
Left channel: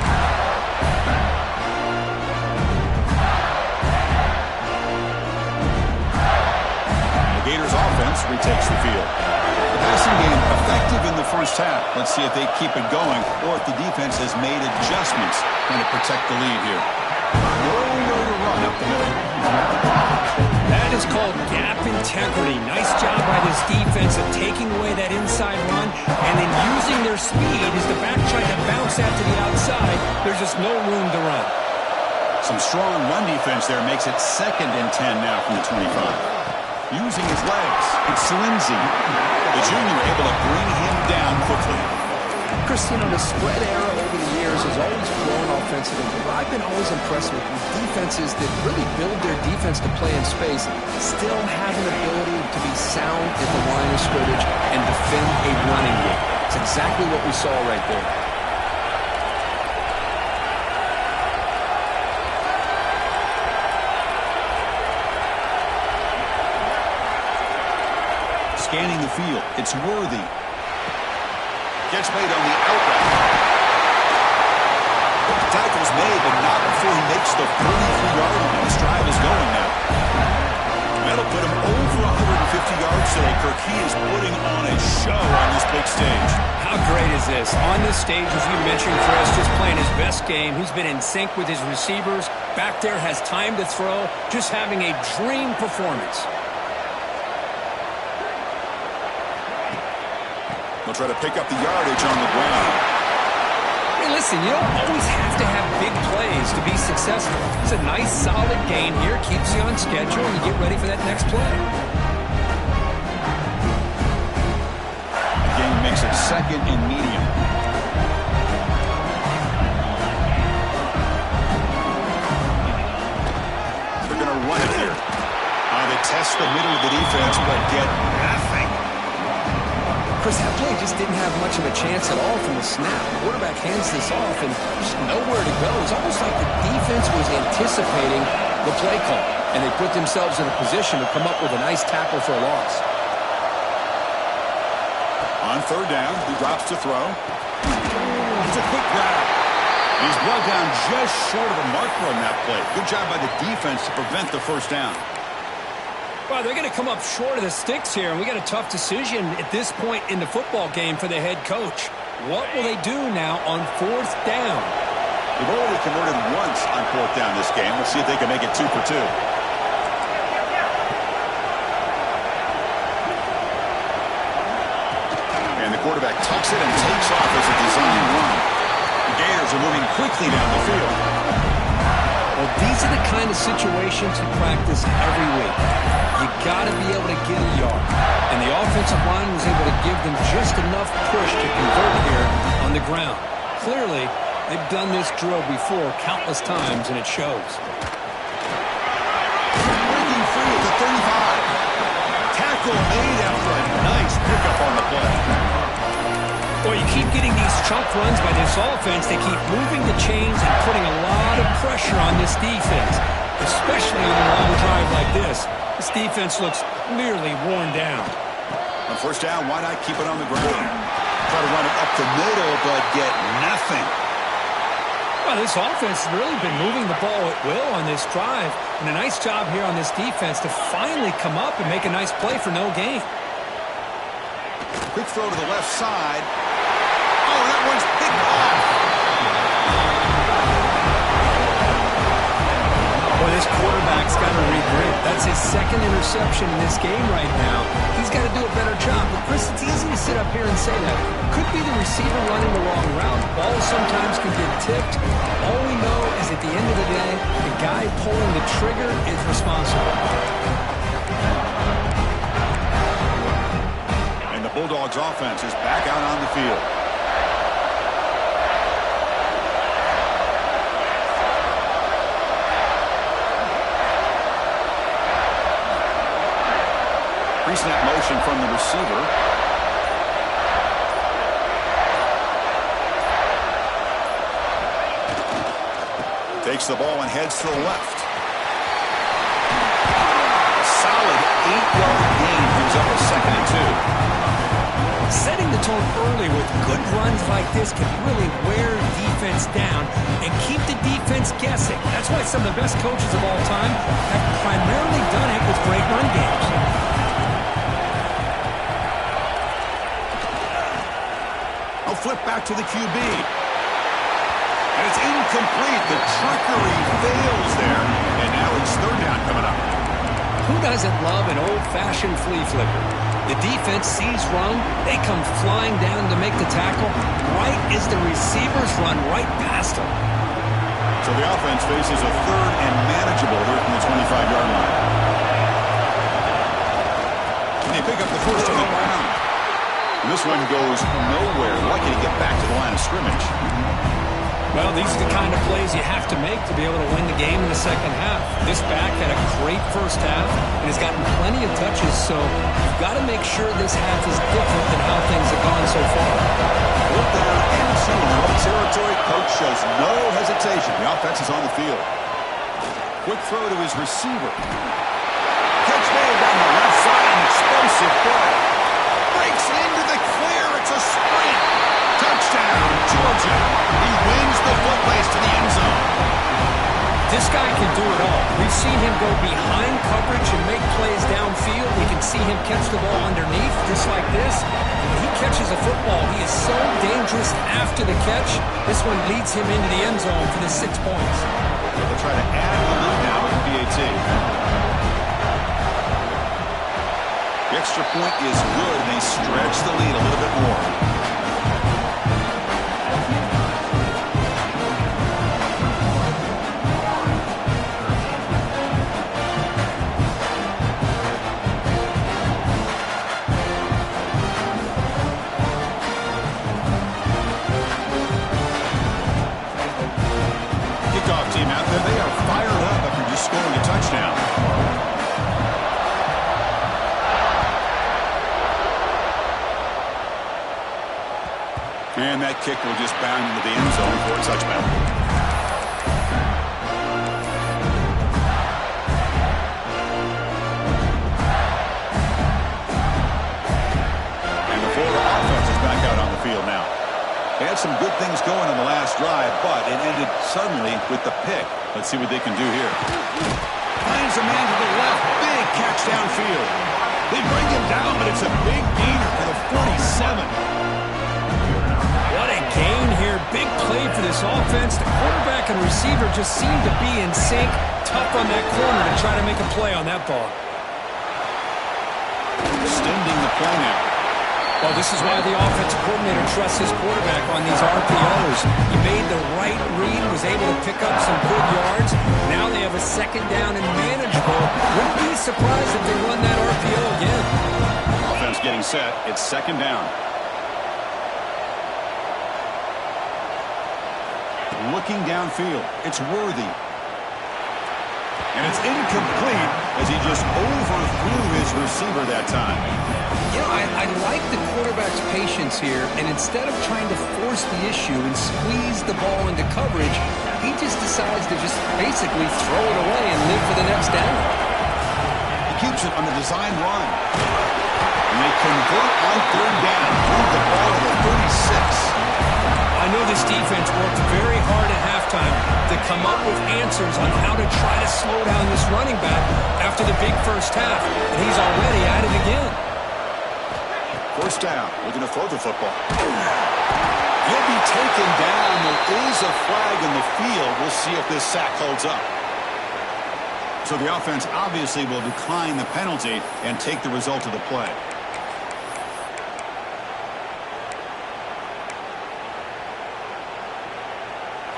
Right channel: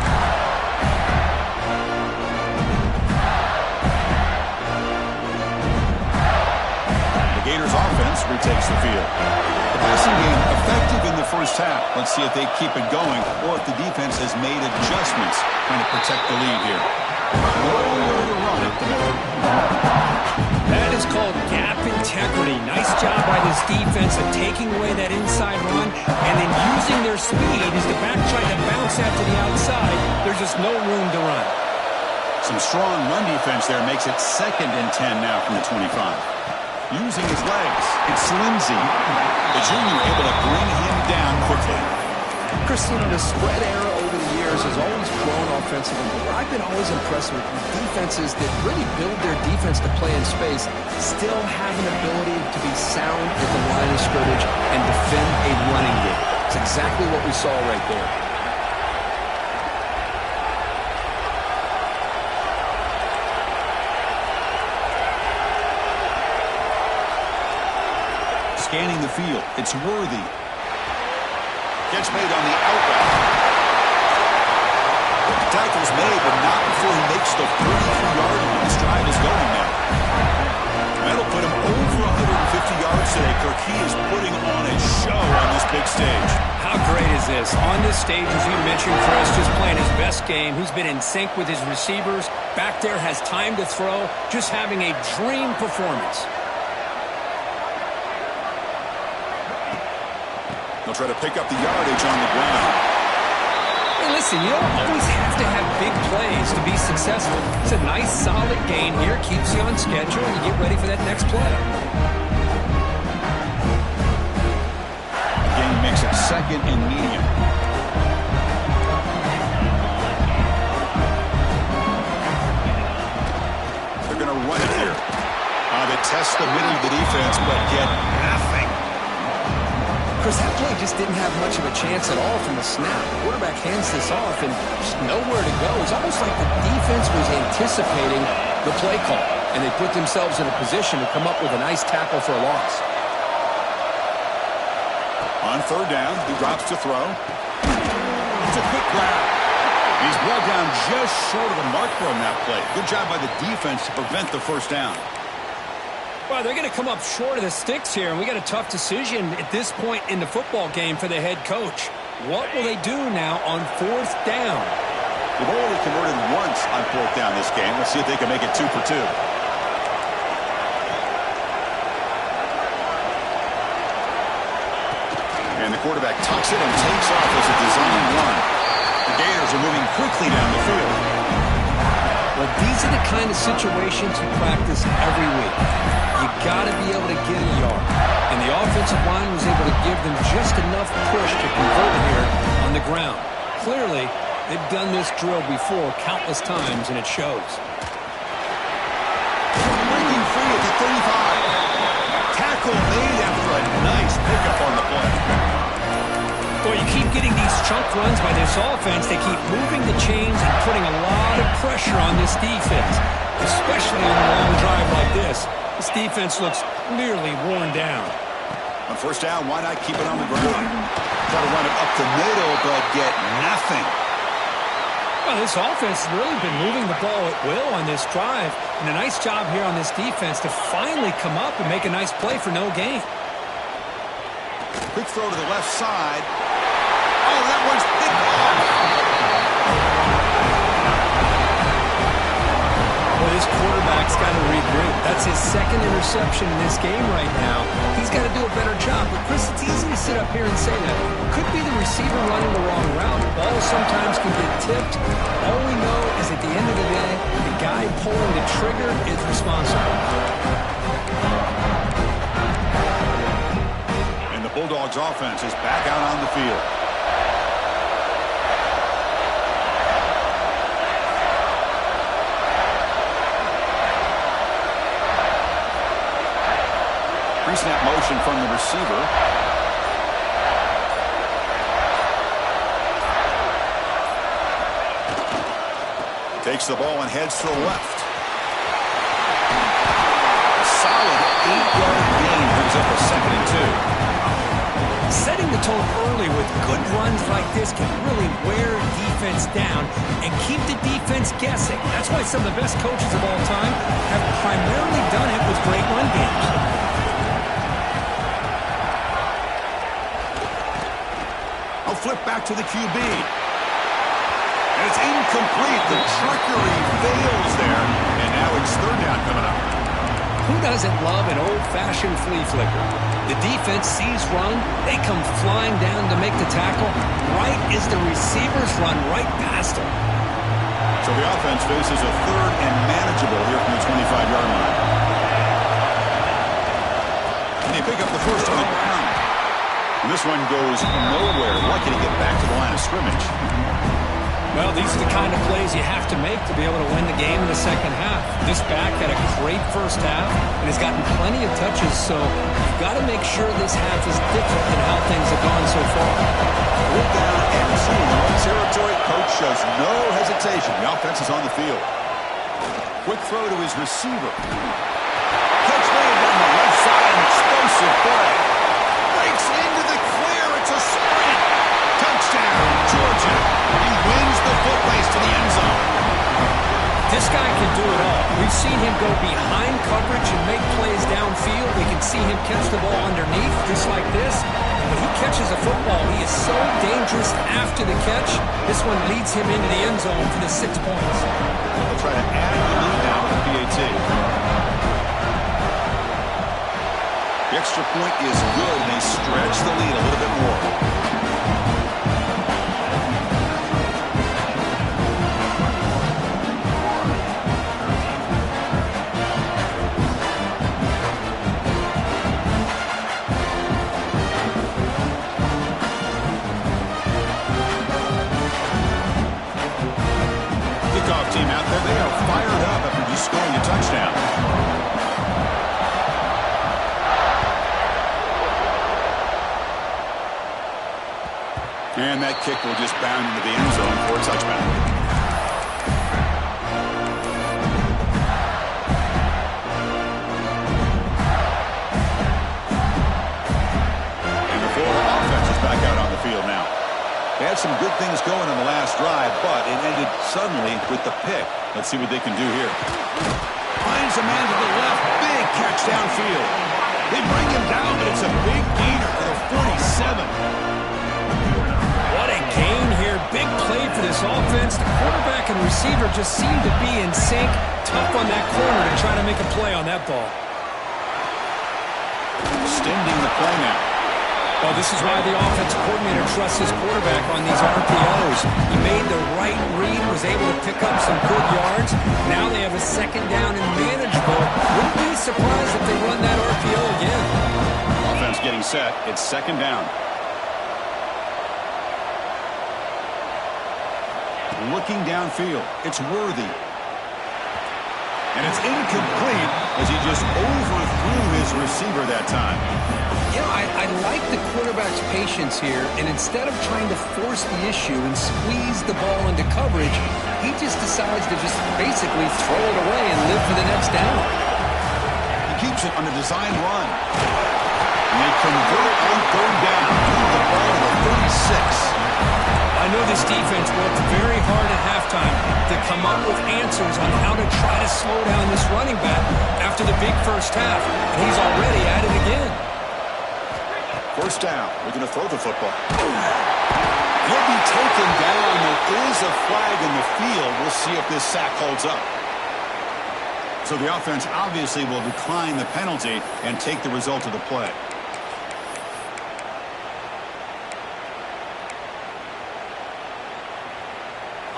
Gators offense retakes the field. The passing game effective in the first half. Let's see if they keep it going or if the defense has made adjustments trying to protect the lead here. Nowhere to run up the middle. That is called gap integrity. Nice job by this defense of taking away that inside run and then using their speed as the back tried to bounce out to the outside. There's just no room to run. Some strong run defense there makes it 2nd and 10 now from the 25. Using his legs, it's Lindsey. The junior able to bring him down quickly. Chris, the spread era over the years has always grown offensively, but what I've been always impressed with defenses that really build their defense to play in space still have an ability to be sound at the line of scrimmage and defend a running game. It's exactly what we saw right there. Scanning the field, it's Worthy. Catch made on the out route. The tackle's made, but not before he makes the 33-yard line. This drive is going now. That'll put him over 150 yards today. Kirk, he is putting on a show on this big stage. How great is this? On this stage, as you mentioned, Chris, just playing his best game. He's been in sync with his receivers. Back there has time to throw. Just having a dream performance. They'll try to pick up the yardage on the ground. Hey, listen, you don't always have to have big plays to be successful. It's a nice, solid gain here. Keeps you on schedule, and you get ready for that next play. The game makes it 2nd and medium. They're going to run it here. They test the middle of the defense, but get nothing. Chris, that play just didn't have much of a chance at all from the snap. The quarterback hands this off and just nowhere to go. It's almost like the defense was anticipating the play call, and they put themselves in a position to come up with a nice tackle for a loss. On 3rd down, he drops to throw. It's a quick grab. And he's brought down just short of the marker on that play. Good job by the defense to prevent the first down. Well, they're going to come up short of the sticks here, and we got a tough decision at this point in the football game for the head coach. What will they do now on 4th down? They've already converted once on 4th down this game. Let's see if they can make it 2 for 2. And the quarterback tucks it and takes off as a design run. The Gators are moving quickly down the field. Well, these are the kind of situations you practice every week. You got to be able to get a yard. And the offensive line was able to give them just enough push to convert here on the ground. Clearly, they've done this drill before countless times, and it shows. Breaking free at the 35. Tackle made after a nice pickup on the play. Well, you keep getting these chunk runs by this offense. They keep moving the chains and putting a lot of pressure on this defense, especially on a long drive like this. This defense looks clearly worn down. On first down, why not keep it on the ground? Try to run it up the middle, but get nothing. Well, this offense has really been moving the ball at will on this drive, and a nice job here on this defense to finally come up and make a nice play for no gain. Quick throw to the left side. Oh, that one's picked off. Well, this quarterback's got to regroup. That's his second interception in this game right now. He's got to do a better job. But, Chris, it's easy to sit up here and say that. Could be the receiver running the wrong route. Balls sometimes can get tipped. All we know is at the end of the day, the guy pulling the trigger is responsible. And the Bulldogs offense is back out on the field. Pre-snap motion from the receiver. Takes the ball and heads to the left. A solid 8-yard gain brings up a 2nd and 2. Setting the tone early with good runs like this can really wear defense down and keep the defense guessing. That's why some of the best coaches of all time have primarily done it with great run games. Flip back to the QB. And it's incomplete. The trickery fails there. And now it's 3rd down coming up. Who doesn't love an old-fashioned flea flicker? The defense sees run. They come flying down to make the tackle right as the receivers run right past them. So the offense faces a 3rd and manageable here from the 25-yard line. And they pick up the first on the ground. And this one goes nowhere. Lucky to get back to the line of scrimmage. Well, these are the kind of plays you have to make to be able to win the game in the second half. This back had a great first half and has gotten plenty of touches, so you've got to make sure this half is different than how things have gone so far. 4th down and 2 in their own territory. Coach shows no hesitation. The offense is on the field. Quick throw to his receiver. Catch made down the left side. An explosive play. Breaks into the clear. It's a sprint. Touchdown, Georgia. He wins the foot race to the end zone. This guy can do it all. We've seen him go behind coverage and make plays downfield. We can see him catch the ball underneath, just like this. And when he catches a football, he is so dangerous after the catch. This one leads him into the end zone for the 6 points. They'll try to add the lead now with the PAT. The extra point is good, and they stretch the lead a little bit more. Kickoff team out there, they are fired up after just scoring a touchdown. And that kick will just bound into the end zone for a touchback. And the Florida offense is back out on the field now. They had some good things going on the last drive, but it ended suddenly with the pick. Let's see what they can do here. Finds a man to the left. Big catch downfield. They bring him down, but it's a big gainer for the 47. What a gain here. Big play for this offense. The quarterback and receiver just seem to be in sync. Tough on that corner to try to make a play on that ball. Extending the play now. Well, this is why the offensive coordinator trusts his quarterback on these RPOs. He made the right read, was able to pick up some good yards. Now they have a 2nd down and manageable. Wouldn't be surprised if they run that RPO again. Offense getting set. It's 2nd down. Looking downfield. It's Worthy. And it's incomplete as he just overthrew his receiver that time. You know, I like the quarterback's patience here, and instead of trying to force the issue and squeeze the ball into coverage, he just decides to just basically throw it away and live for the next down. He keeps it on the design run. And they convert on third down. Move the ball to the 36. I know this defense worked very hard at halftime to come up with answers on how to try to slow down this running back after the big first half, and he's already at it again. First down, looking to throw the football. He'll be taken down. There is a flag in the field. We'll see if this sack holds up. So the offense obviously will decline the penalty and take the result of the play.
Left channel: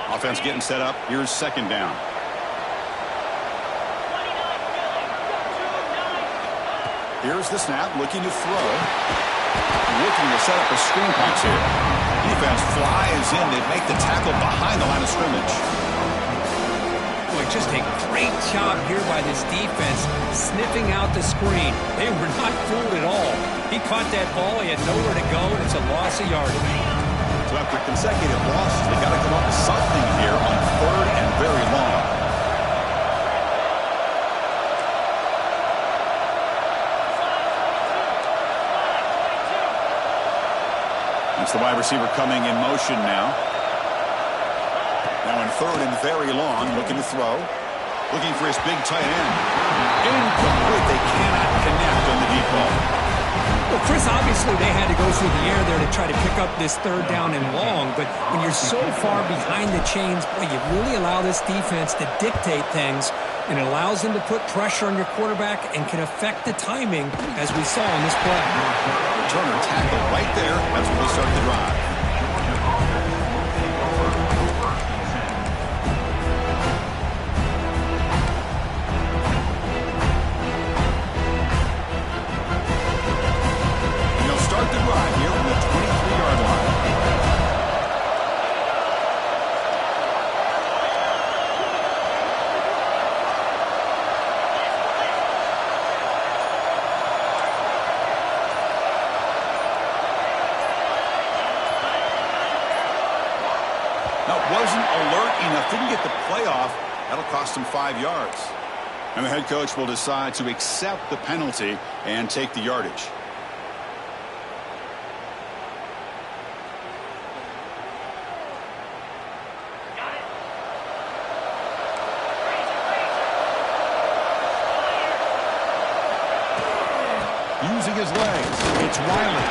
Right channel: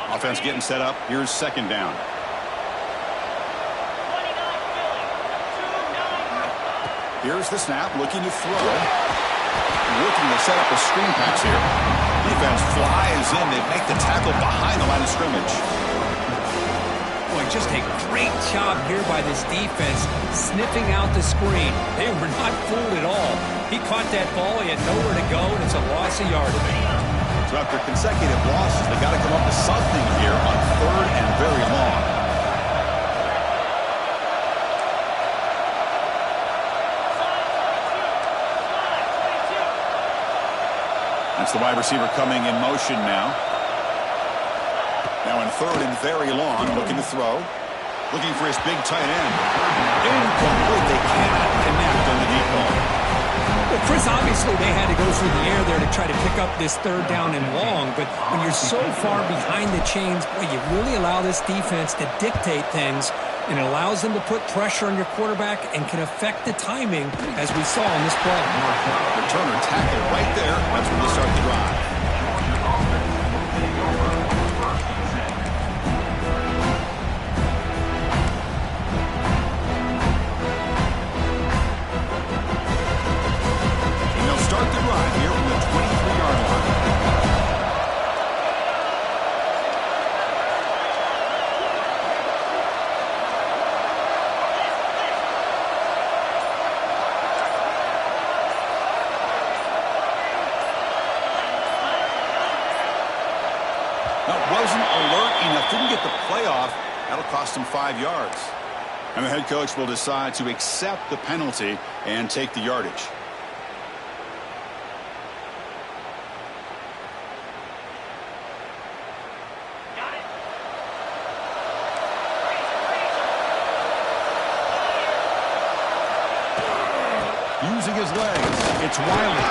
Offense getting set up. Here's second down. Here's the snap, looking to throw. Looking to set up a screen pass here. Defense flies in. They make the tackle behind the line of scrimmage. Boy, just a great job here by this defense sniffing out the screen. They were not fooled at all. He caught that ball. He had nowhere to go, and it's a loss of yardage. So after consecutive losses, they got to come up with something here on third and very long. That's the wide receiver coming in motion now. Now in third and very long, looking to throw. Looking for his big tight end. Incomplete. They cannot connect on the deep ball. Well, Chris, obviously they had to go through the air there to try to pick up this third down and long, but when you're so far behind the chains, boy, you really allow this defense to dictate things, and it allows them to put pressure on your quarterback and can affect the timing, as we saw on this play. Returner tackle right there. That's where they start the drive. Start the drive here from the 23-yard line. Now, wasn't alert enough, didn't get the playoff. That'll cost him 5 yards. And the head coach will decide to accept the penalty and take the yardage. Using his legs, it's Wiley.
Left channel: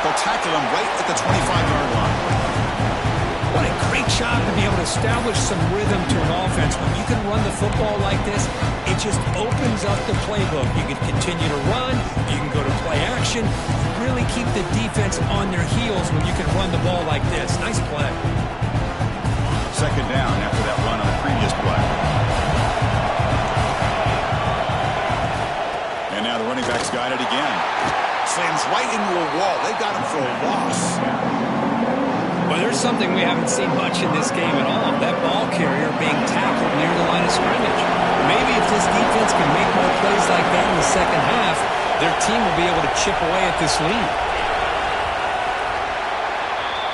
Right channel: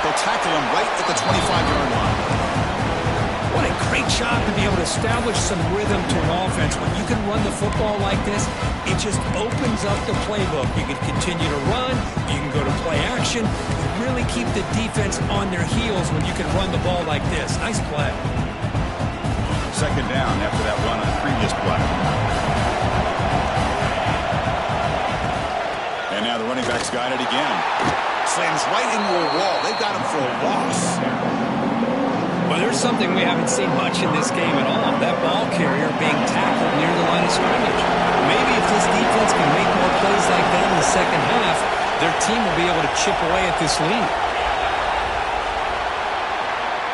They'll tackle him right at the 25-yard line. What a great job to be able to establish some rhythm to an offense. When you can run the football like this, it just opens up the playbook. You can continue to run, you can go to play action, really keep the defense on their heels when you can run the ball like this. Nice play. Second down after that run on the previous play. And now the running back's got it again. Slams right into a wall. They've got him for a loss. Well, there's something we haven't seen much in this game at all. That ball carrier being tackled near the line of scrimmage. Maybe if this defense can make more plays like that in the second half, their team will be able to chip away at this lead.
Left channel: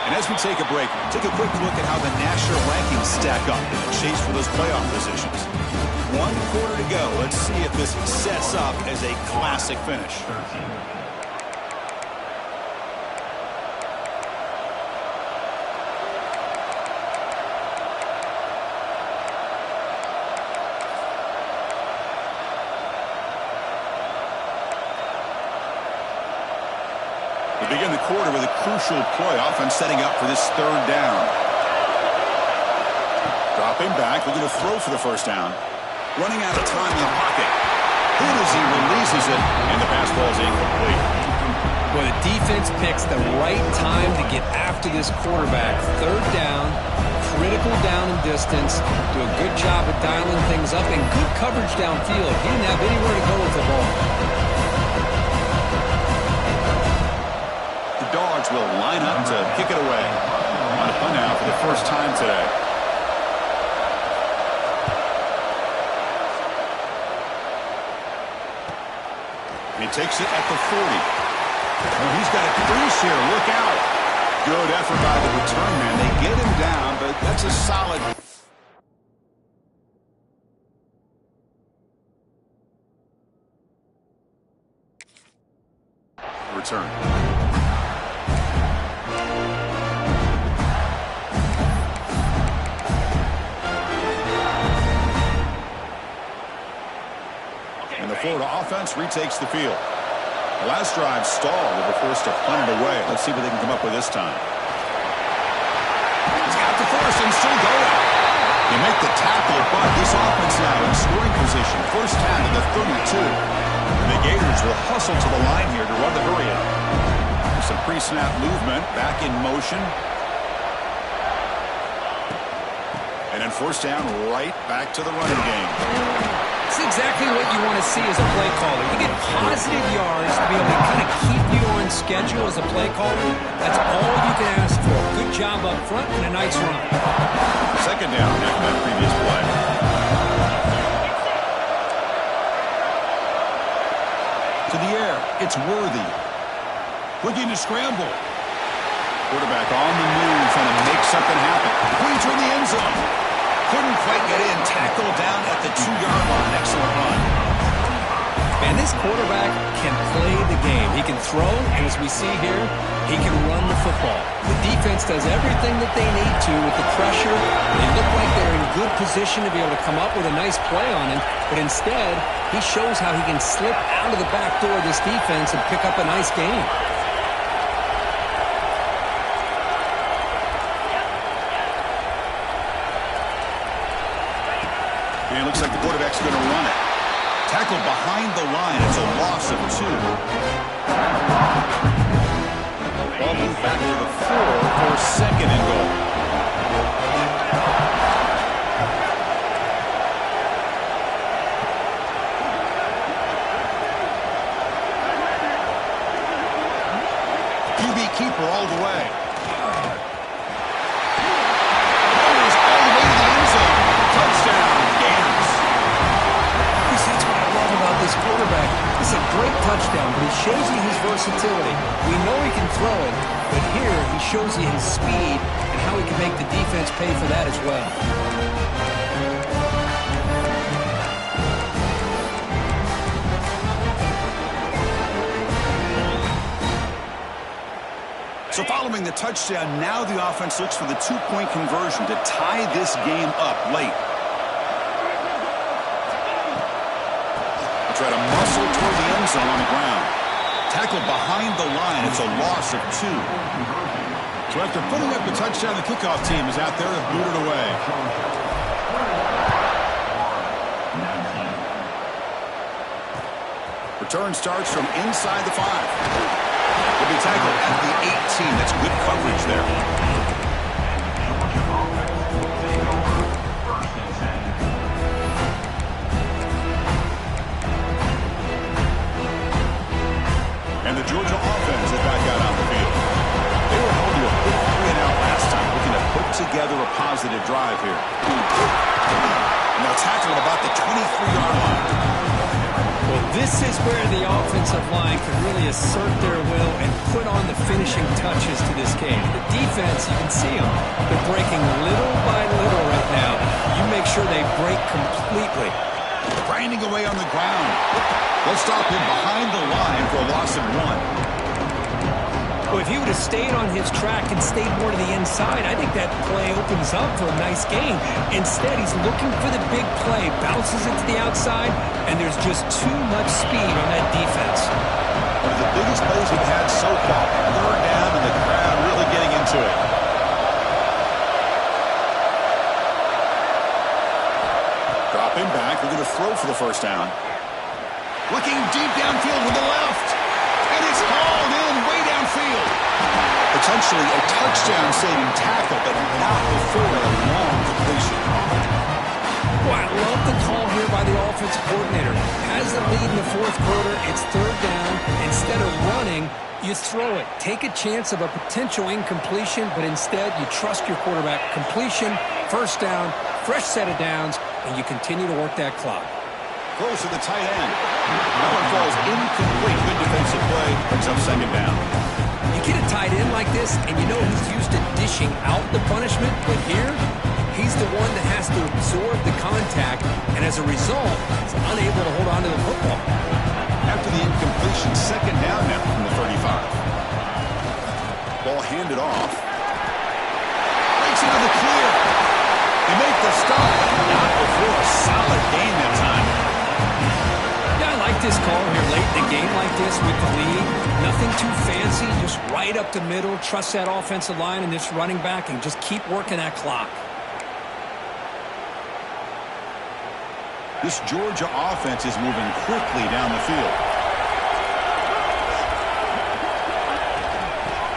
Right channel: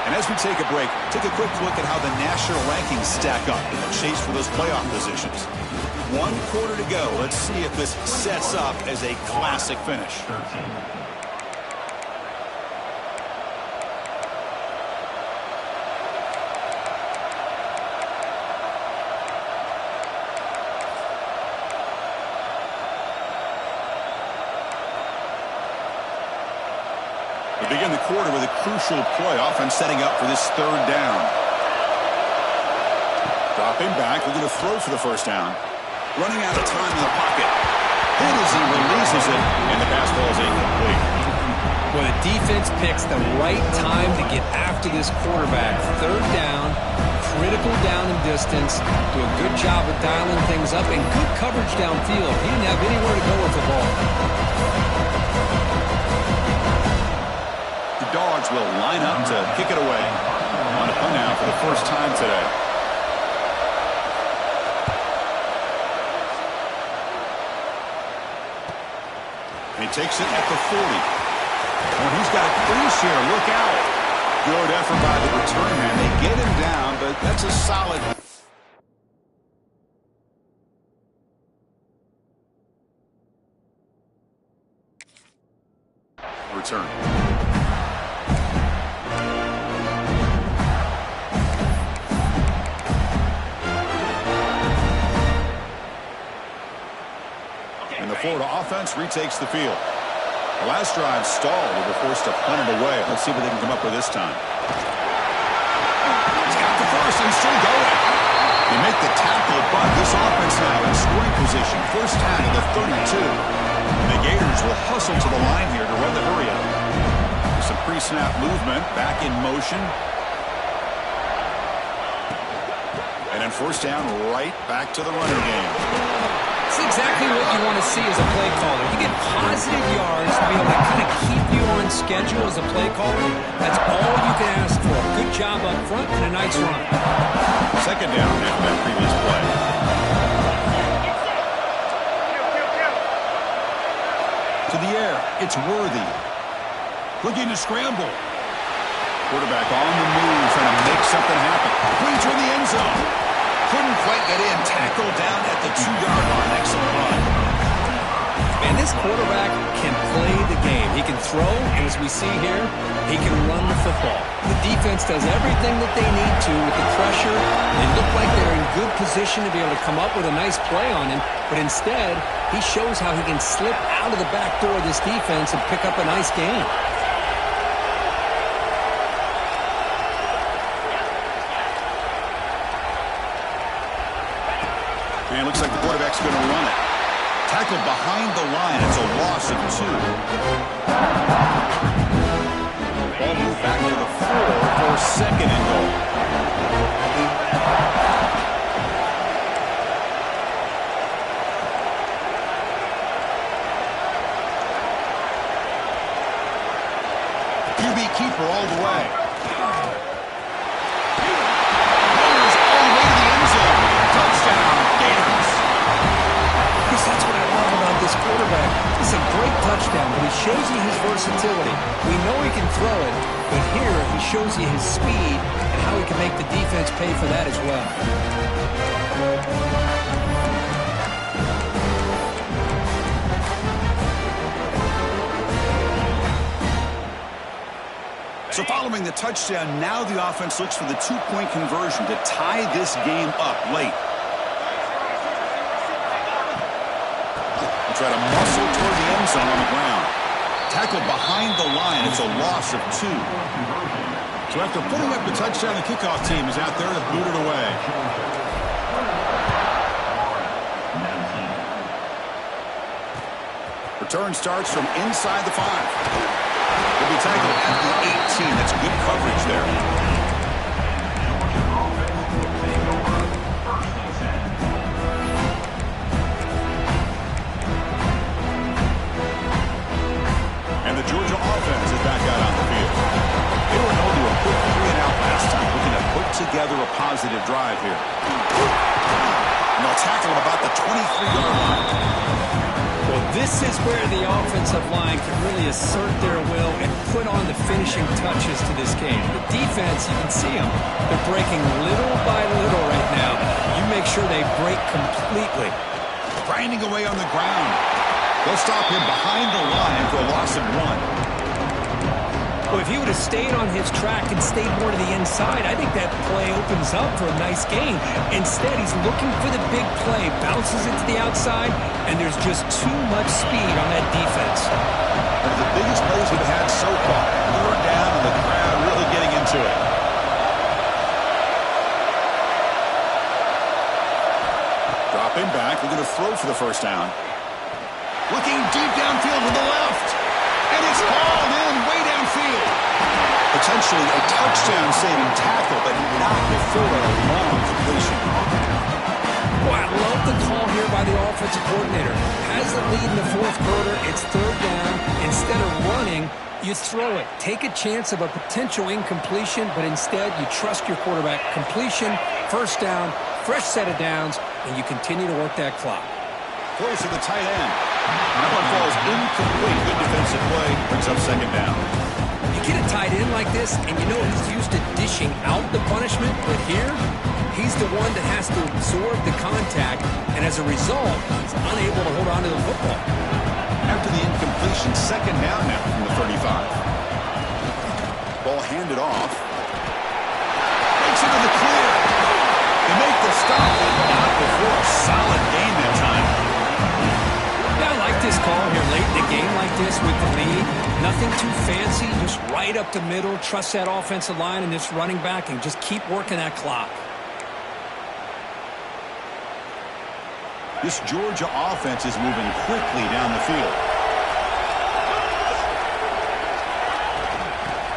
And as we take a break, take a quick look at how the national rankings stack up in the chase for those playoff positions. 1 quarter to go. Let's see if this sets up as a classic finish. We begin the quarter with a crucial play, offense setting up for this third down. Dropping back, looking to throw for the first down. Running out of time in the pocket. Hit as he releases it, and the pass ball is incomplete. Well, the defense picks the right time to get after this quarterback. Third down, critical down and distance. Do a good job of dialing things up, and good coverage downfield. He didn't have anywhere to go with the ball. The Dogs will line up to kick it away. On a punt now for the first time today. Takes it at the 40. Oh, he's got a crease here. Look out. Good effort by the return man. They get him down, but that's a solid return. And the Florida offense retakes the field. The last drive stalled. They were forced to punt it away. Let's see what they can come up with this time. He's got the first and still going. They make the tackle, but this offense now in scoring position. First down to the 32. And the Gators will hustle to the line here to run the hurry up. With some pre-snap movement, back in motion. And then first down, right back to the running game. It's exactly what you want to see as a play caller. You get positive yards to be able to kind of keep you on schedule as a play caller. That's all you can ask for. Good job up front and a nice run. Second down after that previous play. To the air, it's Worthy. Looking to scramble. Quarterback on the move, trying to make something happen. Cleans in the end zone. Couldn't quite get in. Tackle down at the 2-yard line. Excellent run. Man, this quarterback can play the game. He can throw, and as we see here, he can run the football. The defense does everything that they need to with the pressure. They look like they're in good position to be able to come up with a nice play on him, but instead, he shows how he can slip out of the back door of this defense and pick up a nice game. And it looks like the quarterback's going to run it. Tackled behind the line. It's a loss of 2. Ball moved back to the 4 for second and goal. QB keeper all the way. Rolls all the way to the end zone. Touchdown, Gators. Chris, that's what I love about this quarterback. It's a great touchdown, but he shows you his versatility. We know he can throw it, but here he shows you his speed and how he can make the defense pay for that as well. So following the touchdown, now the offense looks for the 2-point conversion to tie this game up late. Try to muscle toward the end zone on the ground. Tackled behind the line. It's a loss of 2. So after putting up the touchdown, the kickoff team is out there to boot it away. Return starts from inside the 5. Will be tackled at the 18. That's good coverage there. And the Georgia offense is back out on the field. They were held to a quick 3-and-out last time, looking to put together a positive drive here. And they'll tackle him about the 23-yard line. Well, this is where the offensive line can really assert their will and put on the finishing touches to this game. The defense, you can see them. They're breaking little by little right now. You make sure they break completely. Grinding away on the ground. They'll stop him behind the line for a loss of 1. Well, if he would have stayed on his track and stayed more to the inside, I think that play opens up for a nice gain. Instead, he's looking for the big play, bounces it to the outside, and there's just too much speed on that defense. One of the biggest plays we've had so far. 3rd down, and the crowd really getting into it. Dropping back, looking to throw for the first down. Looking deep downfield to the left. And it's hauled in way downfield. Potentially a touchdown-saving tackle, but not before a long completion. Well, I love the call here by the offensive coordinator. Has the lead in the 4th quarter. It's 3rd down. Instead of running, you throw it. Take a chance of a potential incompletion, but instead you trust your quarterback. Completion, first down, fresh set of downs, and you continue to work that clock. Close to the tight end. That one falls incomplete. Good defensive play. Brings up second down. You get a tight end like this, and you know he's used to dishing out the punishment, but here, he's the one that has to absorb the contact, and as a result, he's unable to hold on to the football. After the incompletion, second down now from the 35. Ball handed off. Breaks into the clear. They make the stop, but not before a solid gain that time. Yeah, I like this call here late in the game like this with the lead. Nothing too fancy, just right up the middle. Trust that offensive line and this running back and just keep working that clock. This Georgia offense is moving quickly down the field.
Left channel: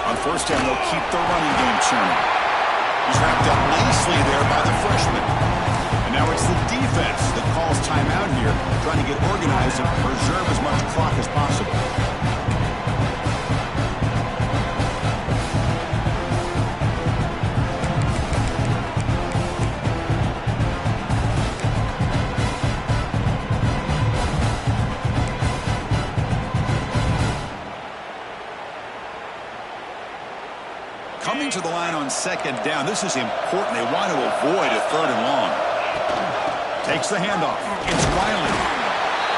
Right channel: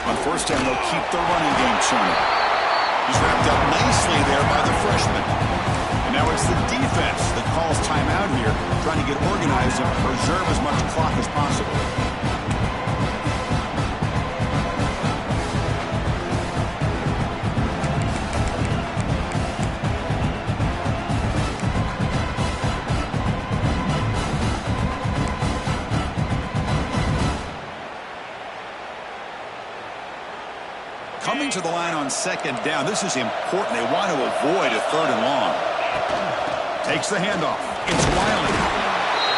On first down, they'll keep the running game churning. He's wrapped up nicely there by the freshman. And now it's the defense that calls timeout here, trying to get organized and preserve as much clock as possible. Coming to the line on second down. This is important. They want to avoid a third and long. Takes the handoff. It's Wiley.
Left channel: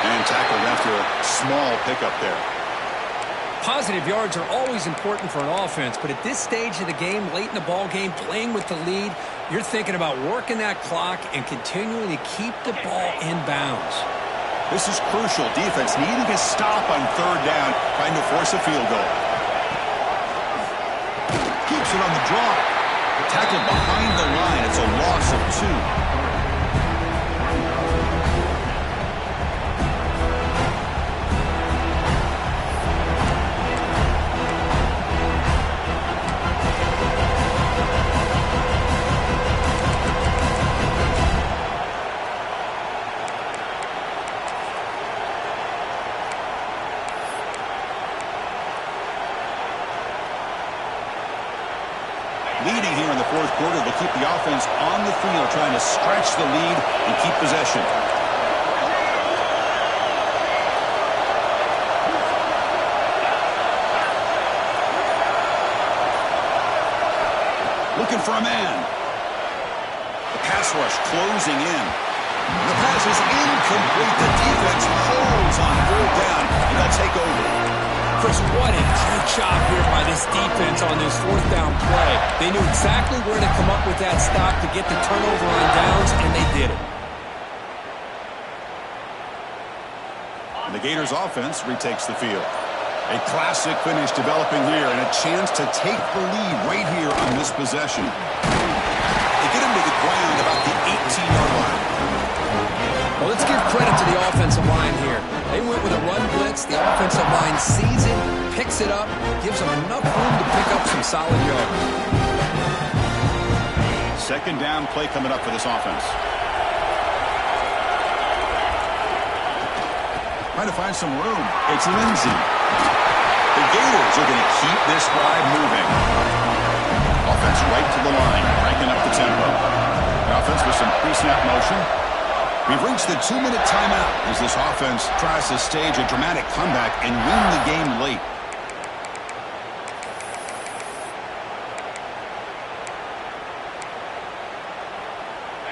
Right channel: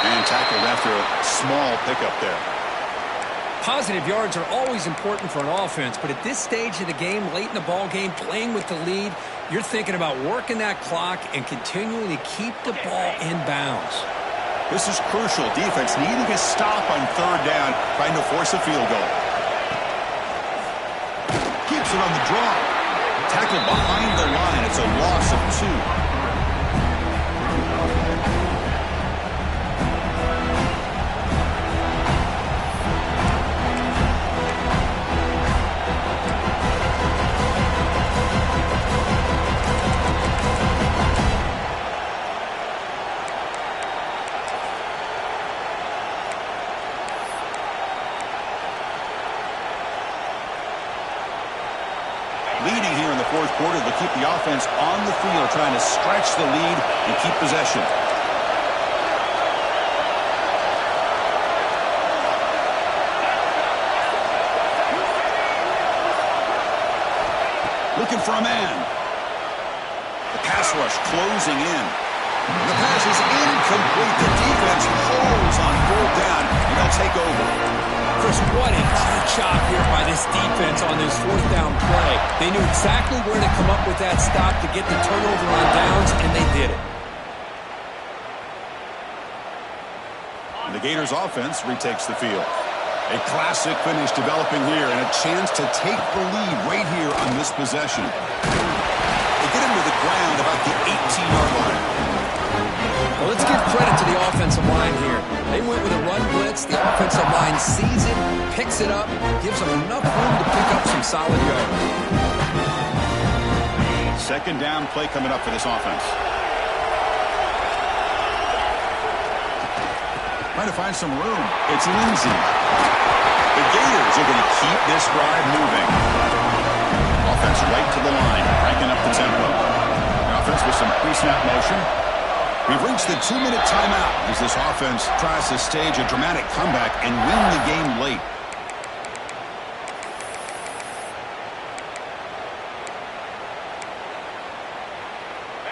And tackled after a small pickup there. Positive yards are always important for an offense, but at this stage of the game, late in the ball game, playing with the lead, you're thinking about working that clock and continuing to keep the ball in bounds. This is crucial. Defense needing a stop on third down, trying to force a field goal. Keeps it on the draw. Tackled behind the line. It's a loss of 2. Leading here in the fourth quarter, they'll keep the offense on the field, trying to stretch the lead and keep possession. Looking for a man. The pass rush closing in. The pass is incomplete. The defense holds on fourth down, and they'll take over. Chris, what a great job here by this defense on this fourth down play. They knew exactly where to come up with that stop to get the turnover on downs, and they did it. And the Gators offense retakes the field. A classic finish developing here and a chance to take the lead right here on this possession. They get him to the ground about the 18-yard line. Well, let's give credit to the offensive line here. They went with a run blitz. The offensive line sees it, picks it up, gives them enough room to pick up some solid yards. Second down play coming up for this offense. Trying to find some room. It's Lindsey. The Gators are going to keep this drive moving. Offense right to the line, cranking up the tempo. The offense with some pre-snap motion. We've reached the 2-minute timeout as this offense tries to stage a dramatic comeback and win the game late.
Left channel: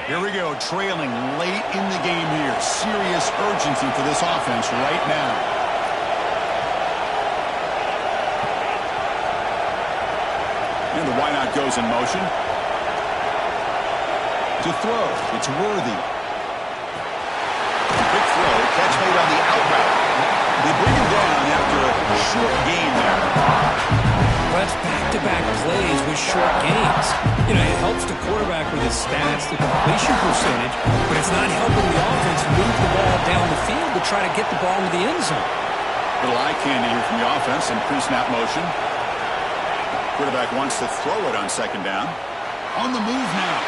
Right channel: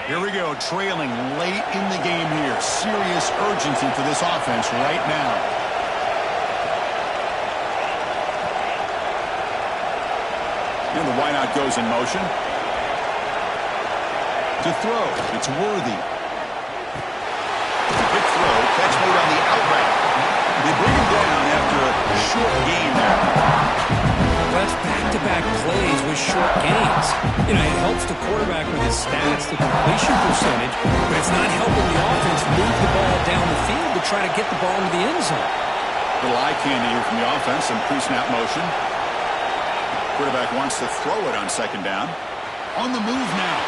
Here we go, trailing late in the game here. Serious urgency for this offense right now. And the wideout goes in motion. To throw, it's Worthy. Quick throw, catch made on the out route. They bring him down after a short gain there. Well, that's back-to-back plays with short gains. You know, it helps the quarterback with his stats, the completion percentage, but it's not helping the offense move the ball down the field to try to get the ball into the end zone. Little eye candy here from the offense, some pre-snap motion. Quarterback wants to throw it on second down. On the move now.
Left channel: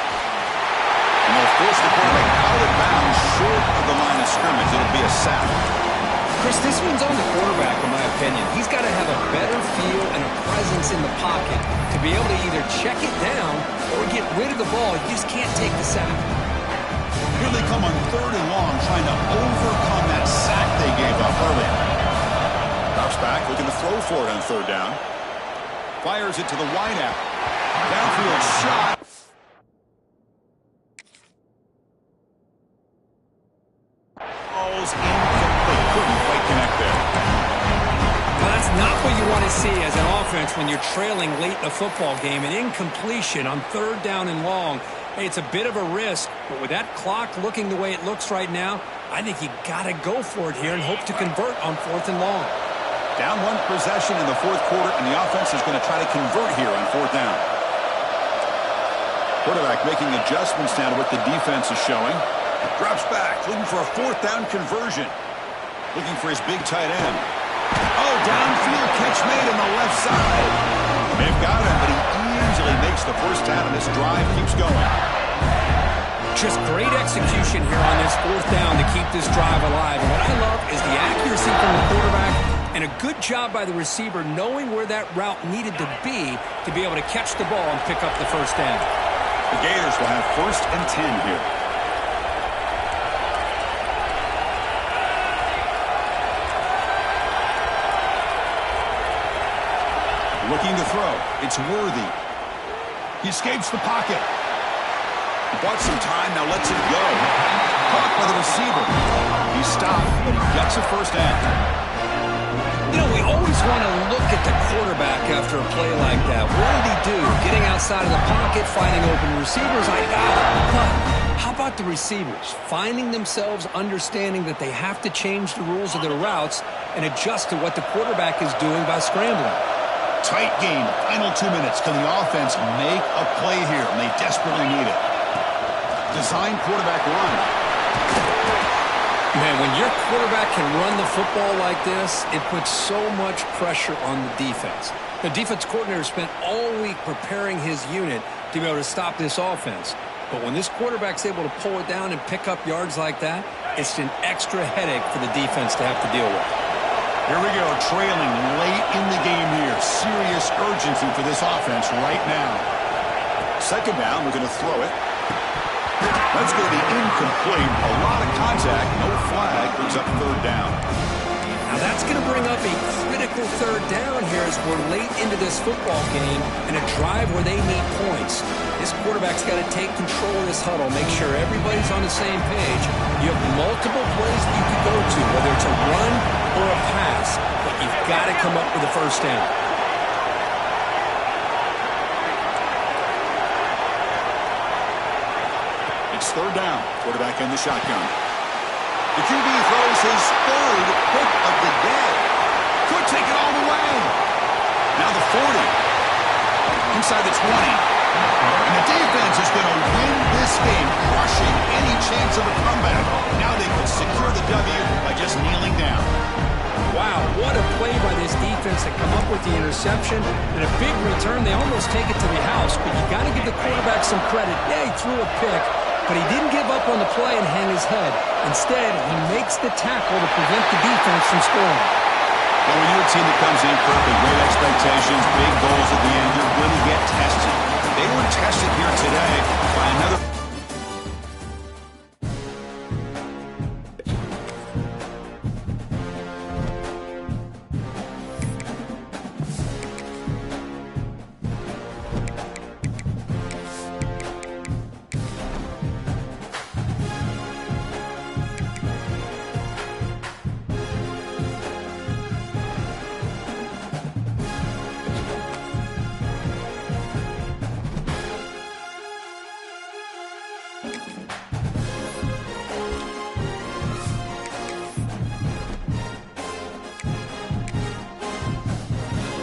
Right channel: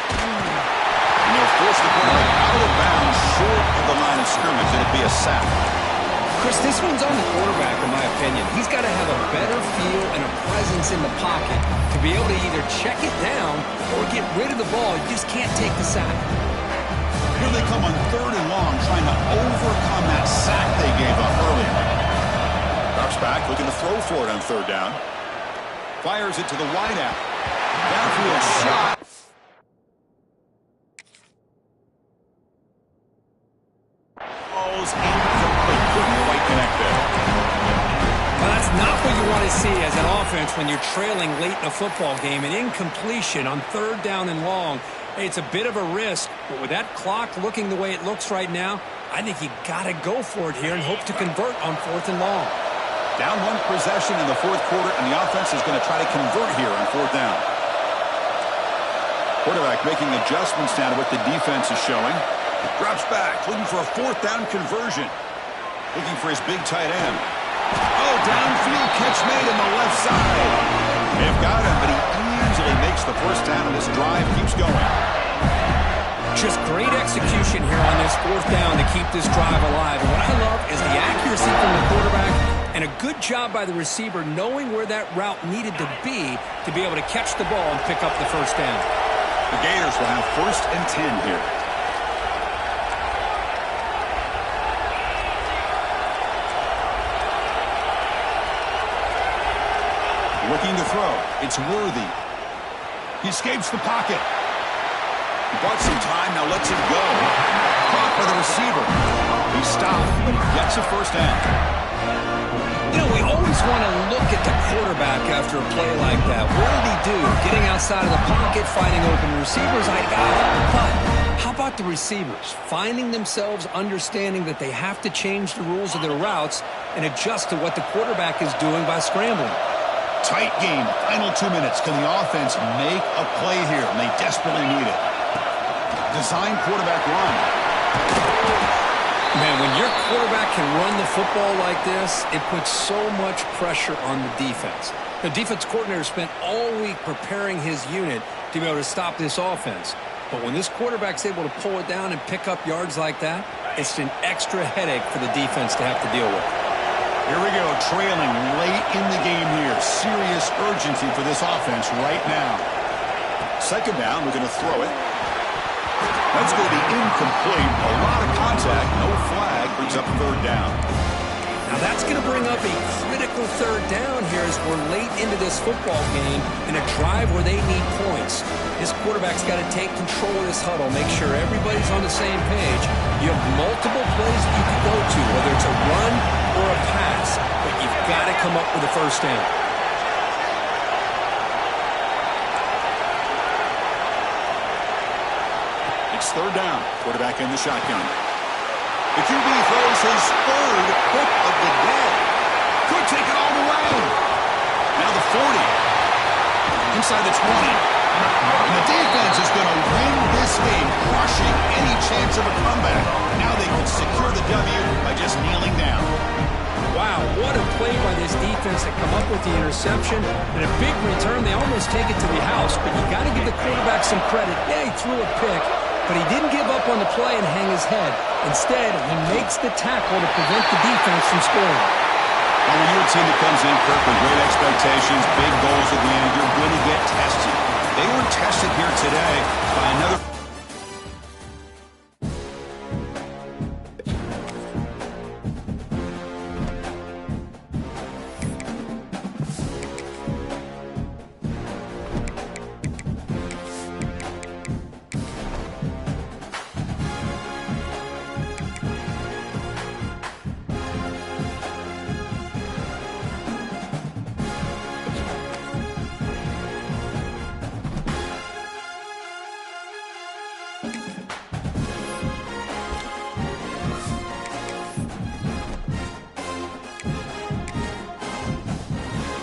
And they'll force the quarterback out of bounds short of the line of scrimmage. It'll be a sack. Chris, this one's on the quarterback, in my opinion. He's got to have a better feel and a presence in the pocket to be able to either check it down or get rid of the ball. You just can't take the sack. Here they come on 3rd and long, trying to overcome that sack they gave up earlier. Drops back, looking to throw for it on 3rd down. Fires it to the wideout. Downfield shot. Ball's incomplete. Couldn't quite connect there. Well, that's not what you want to see as an offense when you're trailing late in a football game. An incompletion on 3rd down and long. Hey, it's a bit of a risk, but with that clock looking the way it looks right now, I think you got to go for it here and hope to convert on 4th and long. Down 1 possession in the 4th quarter, and the offense is going to try to convert here on 4th down. Quarterback making adjustments now to what the defense is showing. Drops back, looking for a 4th down conversion. Looking for his big tight end. Oh, downfield catch made on the left side. They've got him, but he easily makes the first down, and this drive keeps going. Just great execution here on this 4th down to keep this drive alive. And what I love is the accuracy from the quarterback and a good job by the receiver knowing where that route needed to be able to catch the ball and pick up the first down. The Gators will have 1st and 10 here. Looking to throw. It's Worthy. He escapes the pocket. He bought some time, now lets it go. Caught by the receiver. He's stopped, but he gets a first down. You know, we always want to look at the quarterback after a play like that. What did he do? Getting outside of the pocket, finding open receivers, I got it. But how about the receivers? Finding themselves understanding that they have to change the rules of their routes and adjust to what the quarterback is doing by scrambling. Tight game, final 2 minutes. Can the offense make a play here? And they desperately need it. Design quarterback run. Man, when your quarterback can run the football like this, it puts so much pressure on the defense. The defense coordinator spent all week preparing his unit to be able to stop this offense. But when this quarterback's able to pull it down and pick up yards like that, it's an extra headache for the defense to have to deal with. Here we go, trailing late in the game here. Serious urgency for this offense right now. 2nd down, we're going to throw it. That's going to be incomplete. A lot of contact, no flag, brings up 3rd down. Now that's going to bring up a critical 3rd down here as we're late into this football game and a drive where they need points. This quarterback's got to take control of this huddle, make sure everybody's on the same page. You have multiple plays that you could go to, whether it's a run or a pass, but you've got to come up with a first down. It's 3rd down. Quarterback in the shotgun. The QB throws his 3rd pick of the day. Could take it all the way. Now the 40. Inside the 20. And the defense is going to win this game, crushing any chance of a comeback. Now they can secure the W by just kneeling down. Wow, what a play by this defense to come up with the interception. And a big return. They almost take it to the house, but you got to give the quarterback some credit. Yeah, he threw a pick, but he didn't give up on the play and hang his head. Instead, he makes the tackle to prevent the defense from scoring. Well, when you're a team that comes in prepped with great expectations, big goals at the end, you're going to get tested. They were tested here today by another...